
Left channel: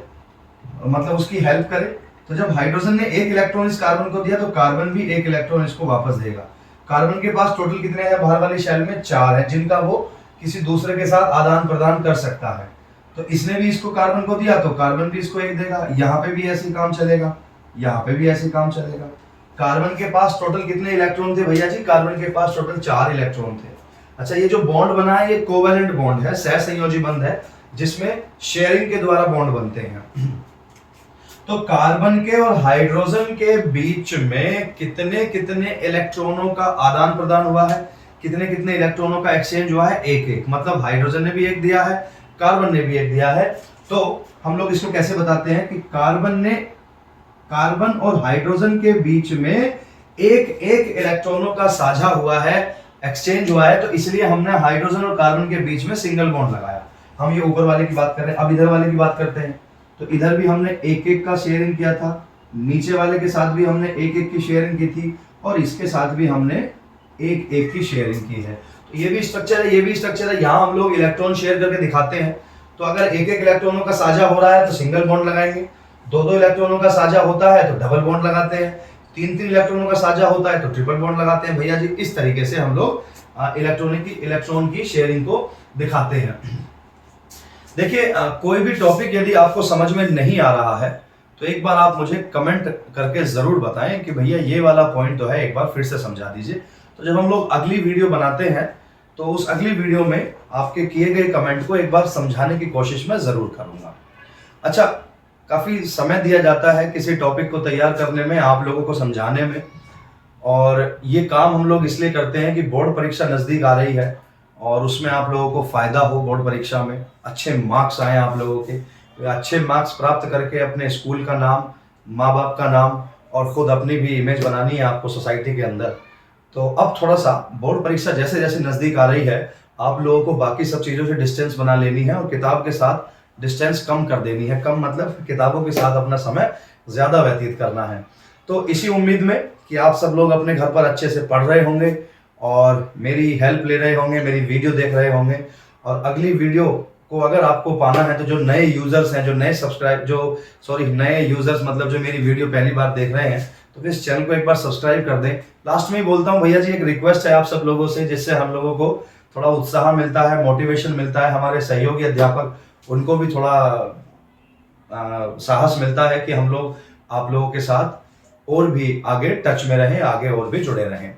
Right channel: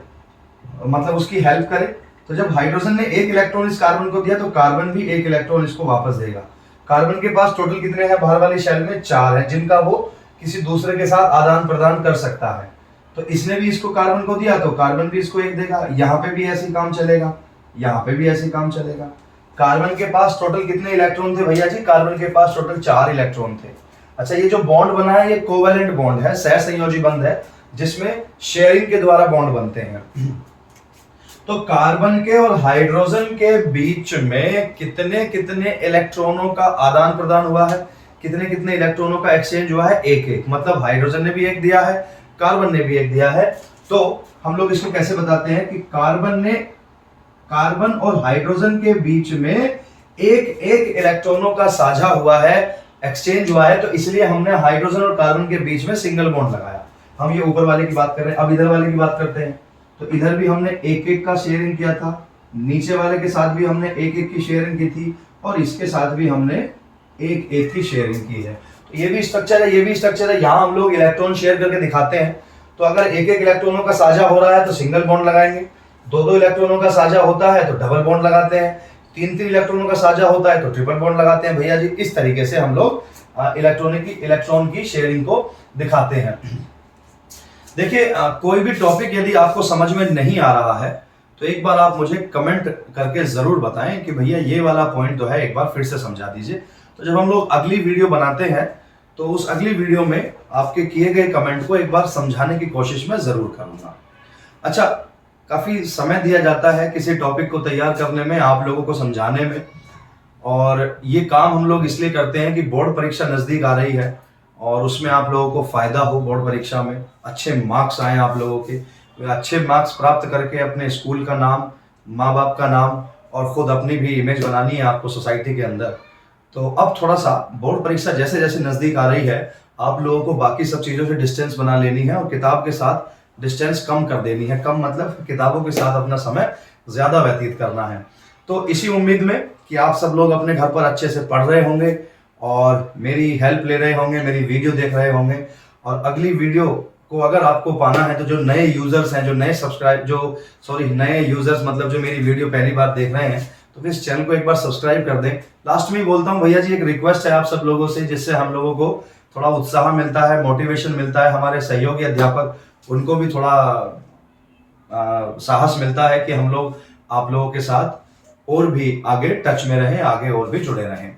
मतलब उसकी हेल्प करे। तो जब हाइड्रोजन ने 1 इलेक्ट्रॉन इस कार्बन को दिया तो कार्बन भी 1 इलेक्ट्रॉन इसको वापस देगा। कार्बन के पास टोटल कितने हैं? बाहर वाली शेल में 4 है, जिनका वो किसी दूसरे के साथ आदान प्रदान कर सकता है। तो इसने भी इसको कार्बन को दिया तो कार्बन भी इसको 1 देगा। यहाँ पे भी ऐसे काम चलेगा, यहाँ पे भी ऐसे काम चलेगा। कार्बन के पास टोटल कितने इलेक्ट्रॉन थे भैया जी? कार्बन के पास टोटल 4 इलेक्ट्रॉन थे। अच्छा, ये जो बॉन्ड बना है ये कोवैलेंट बॉन्ड है, सहसंयोजी बंध है, जिसमें शेयरिंग के द्वारा बॉन्ड बनते हैं। तो कार्बन के और हाइड्रोजन के बीच में कितने कितने इलेक्ट्रॉनों का आदान प्रदान हुआ है? कितने कितने इलेक्ट्रॉनों का एक्सचेंज हुआ है? 1-1। मतलब हाइड्रोजन ने भी 1 दिया है, कार्बन ने भी 1 दिया है। तो हम लोग इसको कैसे बताते हैं कि कार्बन और हाइड्रोजन के बीच में 1-1 इलेक्ट्रॉनों का साझा हुआ है, एक्सचेंज हुआ है। तो इसलिए हमने हाइड्रोजन और कार्बन के बीच में सिंगल बॉन्ड लगाया। हम ये ऊपर वाले की बात कर रहे हैं, अब इधर वाले की बात करते हैं। तो इधर भी हमने 1-1 का शेयरिंग किया था, नीचे वाले के साथ भी हमने 1-1 की शेयरिंग की थी, और इसके साथ भी हमने 1-1 की शेयरिंग की है। तो ये भी स्ट्रक्चर है, ये भी स्ट्रक्चर है। यहाँ हम लोग इलेक्ट्रॉन शेयर करके दिखाते हैं। तो अगर 1-1 इलेक्ट्रॉनों का साझा हो रहा है तो सिंगल बॉन्ड लगाएंगे, 2-2 इलेक्ट्रॉनों का साझा होता है तो डबल बॉन्ड लगाते हैं, 3-3 इलेक्ट्रॉनों का साझा होता है तो ट्रिपल बॉन्ड लगाते हैं भैया जी। इस तरीके से हम लोग इलेक्ट्रॉन की शेयरिंग को दिखाते हैं। देखिए, कोई भी टॉपिक यदि आपको समझ में नहीं आ रहा है तो एक बार आप मुझे कमेंट करके जरूर बताएं कि भैया ये वाला पॉइंट तो है, एक बार फिर से समझा दीजिए। तो जब हम लोग अगली वीडियो बनाते हैं तो उस अगली वीडियो में आपके किए गए कमेंट को एक बार समझाने की कोशिश मैं जरूर करूंगा। अच्छा, काफी समय दिया जाता है किसी टॉपिक को तैयार करने में, आप लोगों को समझाने में, और ये काम हम लोग इसलिए करते हैं कि बोर्ड परीक्षा नजदीक आ रही है और उसमें आप लोगों को फायदा हो। बोर्ड परीक्षा में अच्छे मार्क्स आए आप लोगों के, अच्छे मार्क्स प्राप्त करके अपने स्कूल का नाम, माँ बाप का नाम और खुद अपनी भी इमेज बनानी है आपको सोसाइटी के अंदर। तो अब थोड़ा सा बोर्ड परीक्षा जैसे जैसे नजदीक आ रही है, आप लोगों को बाकी सब चीजों से डिस्टेंस बना लेनी है और किताब के साथ डिस्टेंस कम कर देनी है। कम मतलब किताबों के साथ अपना समय ज़्यादा व्यतीत करना है। तो इसी उम्मीद में कि आप सब लोग अपने घर पर अच्छे से पढ़ रहे होंगे और मेरी हेल्प ले रहे होंगे, मेरी वीडियो देख रहे होंगे। और अगली वीडियो को अगर आपको पाना है तो जो नए यूजर्स हैं, नए यूजर्स मतलब जो मेरी वीडियो पहली बार देख रहे हैं, तो इस चैनल को एक बार सब्सक्राइब कर दें। लास्ट में ही बोलता हूँ भैया जी, एक रिक्वेस्ट है आप सब लोगों से, जिससे हम लोगों को थोड़ा उत्साह मिलता है, मोटिवेशन मिलता है। हमारे सहयोगी अध्यापक उनको भी थोड़ा साहस मिलता है कि हम लोग आप लोगों के साथ और भी आगे टच में रहें, आगे और भी जुड़े रहें।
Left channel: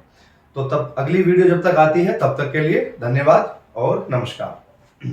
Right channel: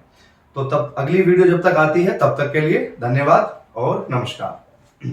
तो तब अगली वीडियो जब तक आती है तब तक के लिए धन्यवाद और नमस्कार।